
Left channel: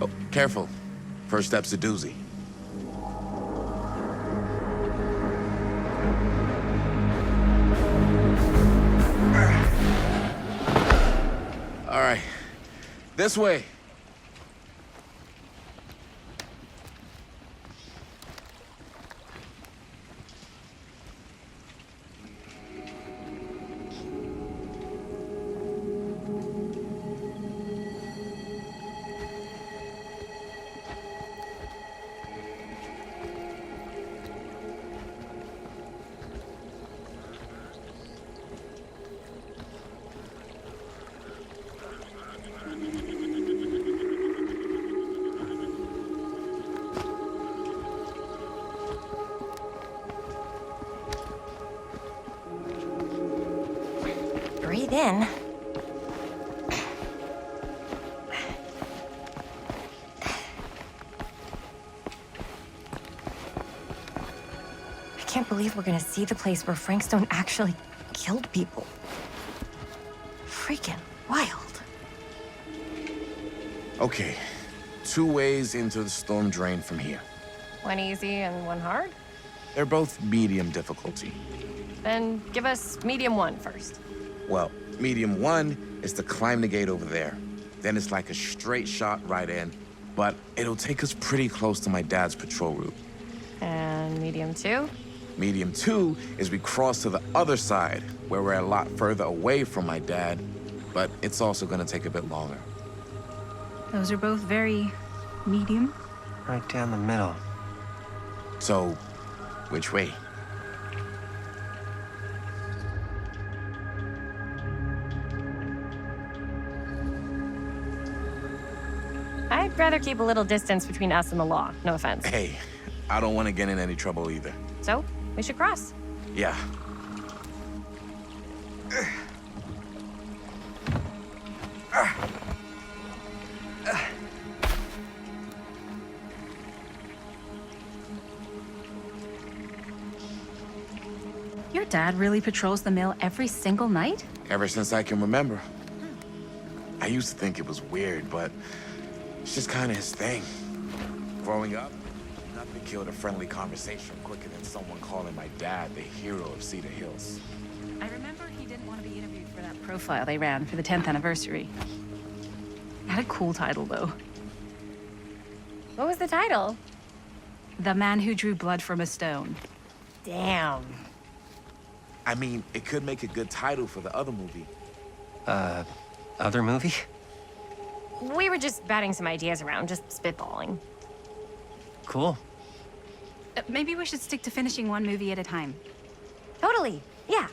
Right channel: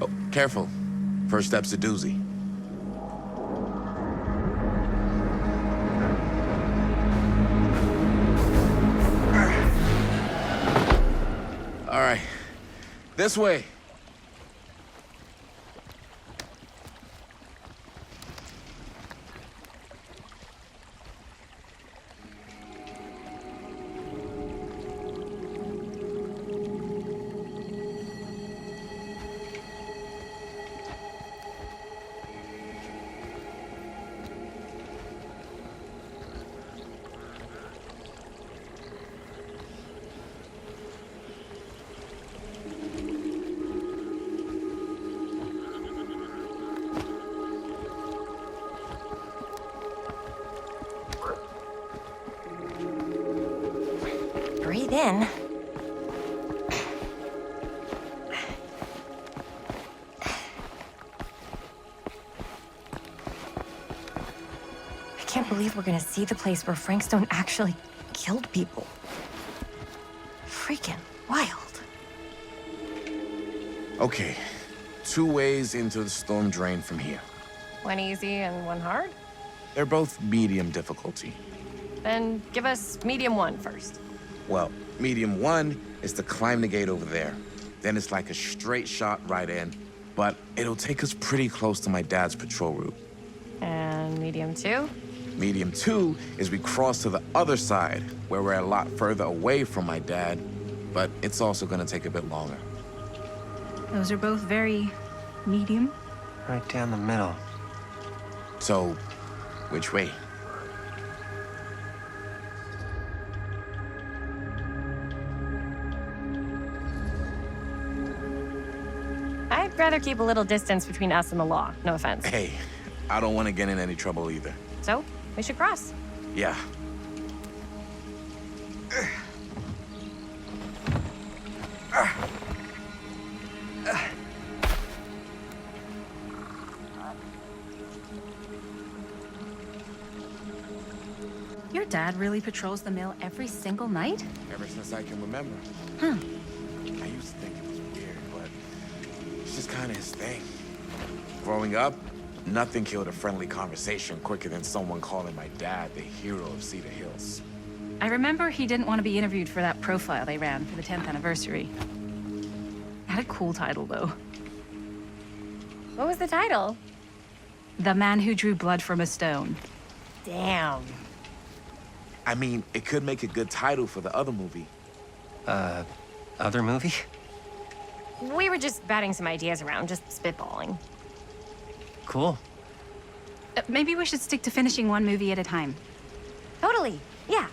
Oh, careful. First step's a doozy. This way. Breathe in. I can't believe we're gonna see the place where Frank Stone actually killed people. Freaking wild. Okay, 2 ways into the storm drain from here. One easy and one hard? They're both medium difficulty. Then give us medium one first. Well, medium 1 is to climb the gate over there. Then it's like a straight shot right in, but it'll take us pretty close to my dad's patrol route. And medium two? Medium 2 is we cross to the other side, where we're a lot further away from my dad, but it's also gonna take a bit longer. Those are both very medium. Right down the middle. So, which way? I'd rather keep a little distance between us and the law. No offense. Hey, I don't want to get in any trouble either. So, we should cross. Yeah. Your dad really patrols the mill every single night? Ever since I can remember. I used to think it was weird, but it's just kind of his thing. Growing up, nothing killed a friendly conversation quicker than someone calling my dad the hero of Cedar Hills. I remember he didn't want to be interviewed for that profile they ran for the 10th anniversary. It had a cool title, though. What was the title? The Man Who Drew Blood from a Stone. Damn. I mean, it could make a good title for the other movie. Other movie? We were just batting some ideas around, just spitballing. Cool. Maybe we should stick to finishing one movie at a time. Totally. Yeah.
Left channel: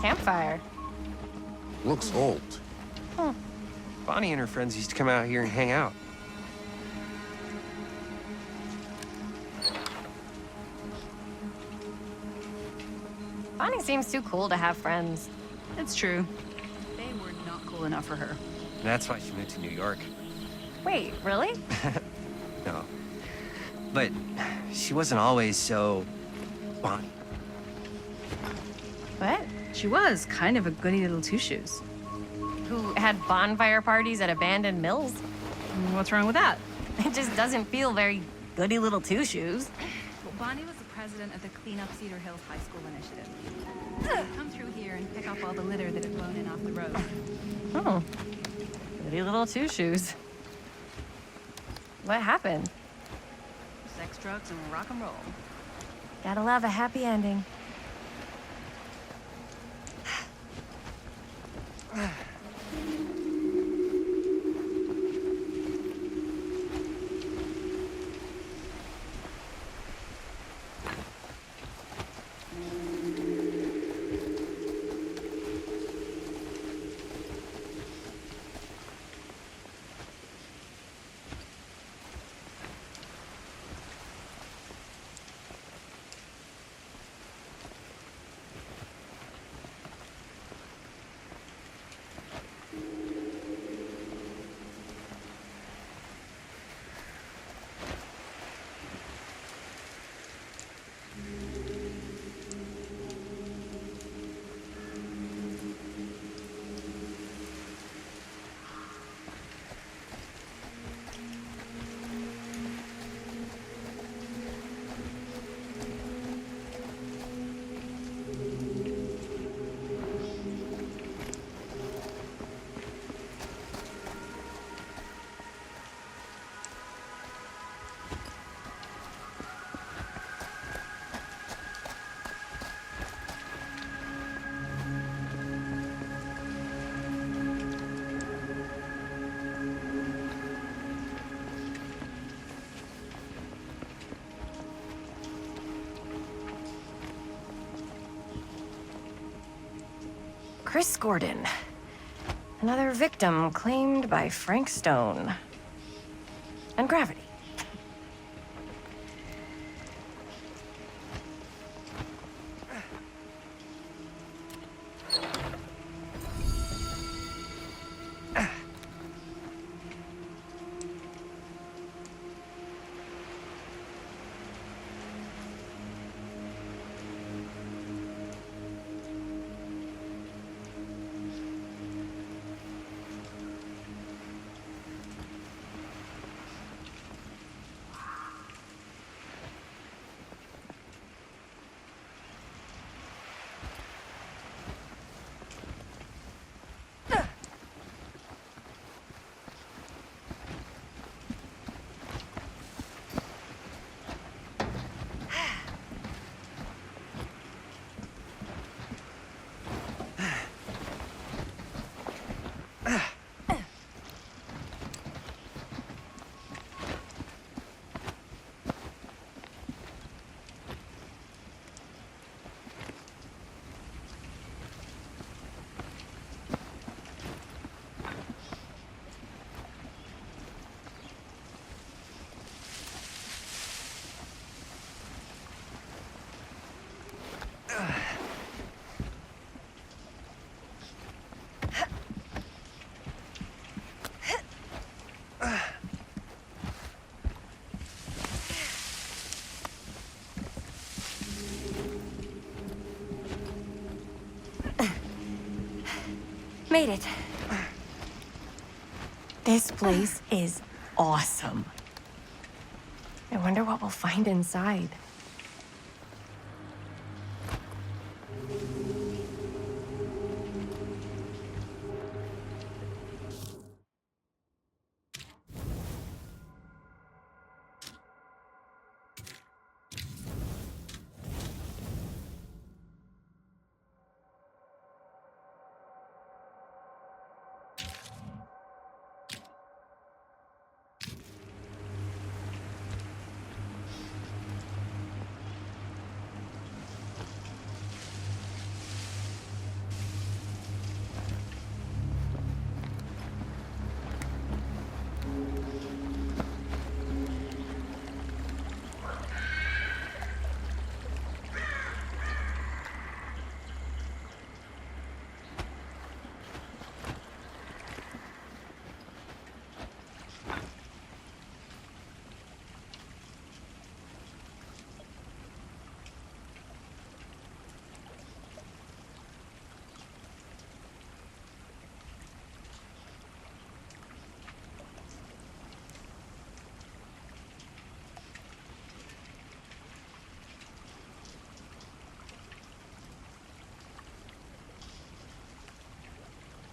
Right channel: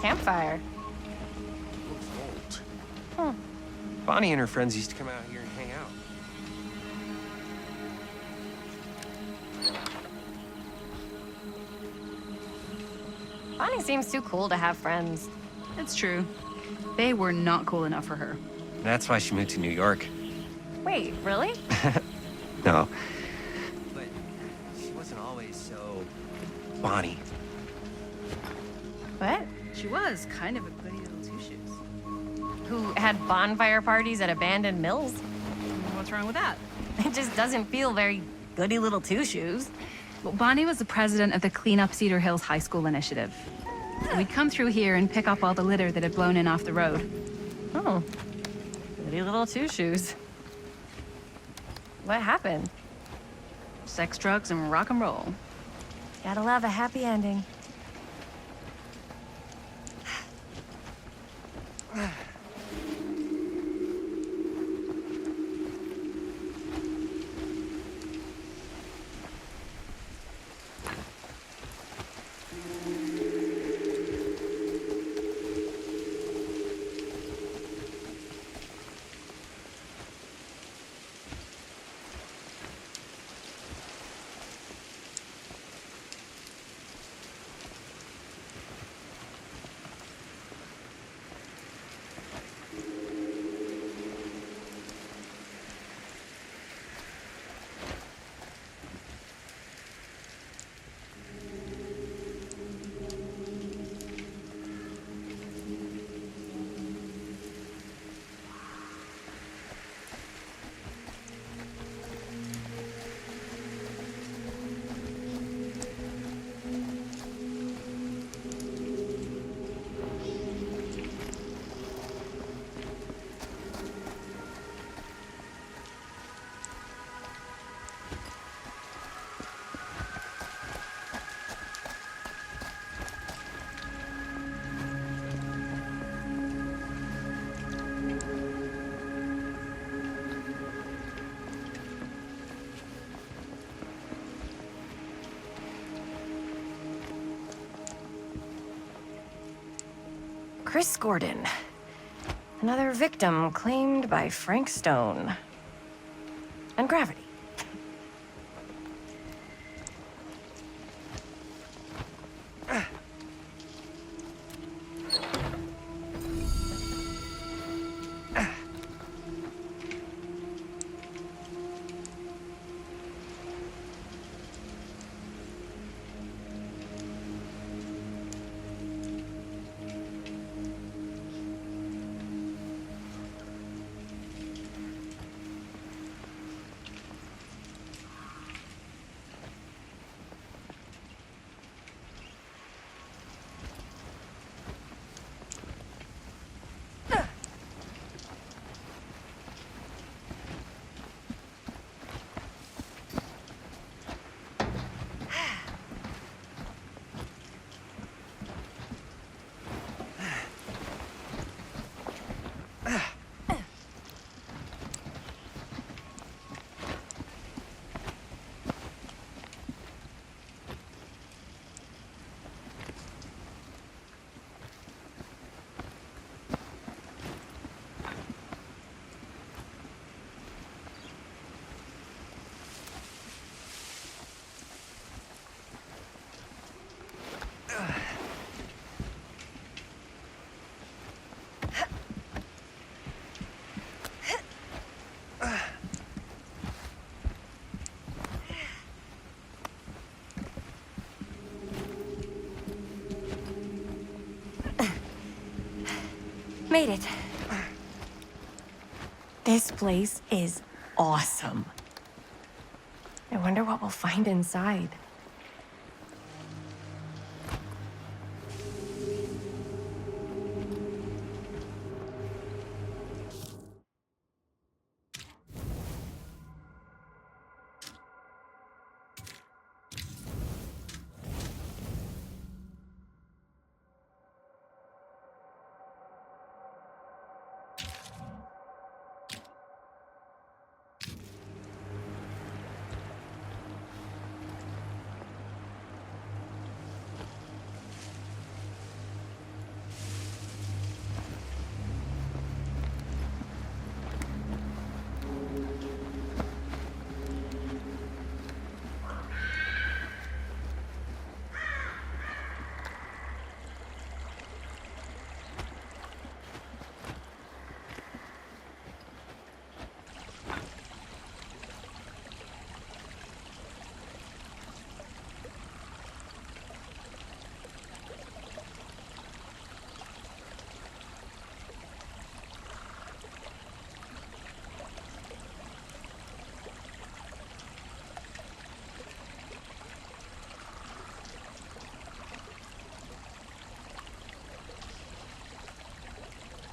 Campfire. Looks old. Bonnie and her friends used to come out here and hang out. Bonnie seems too cool to have friends. It's true. They were not cool enough for her. That's why she moved to New York. Wait, really? No. But she wasn't always so Bonnie. What? She was kind of a goody little two-shoes. Who had bonfire parties at abandoned mills? What's wrong with that? It just doesn't feel very goody little two-shoes. Well, Bonnie was the president of the Clean Up Cedar Hills High School Initiative. We'd come through here and pick up all the litter that had blown in off the road. Oh, goody little two-shoes. What happened? Sex, drugs, and rock and roll. Gotta love a happy ending. Chris Gordon. Another victim claimed by Frank Stone. And gravity. Made it. This place is awesome. I wonder what we'll find inside.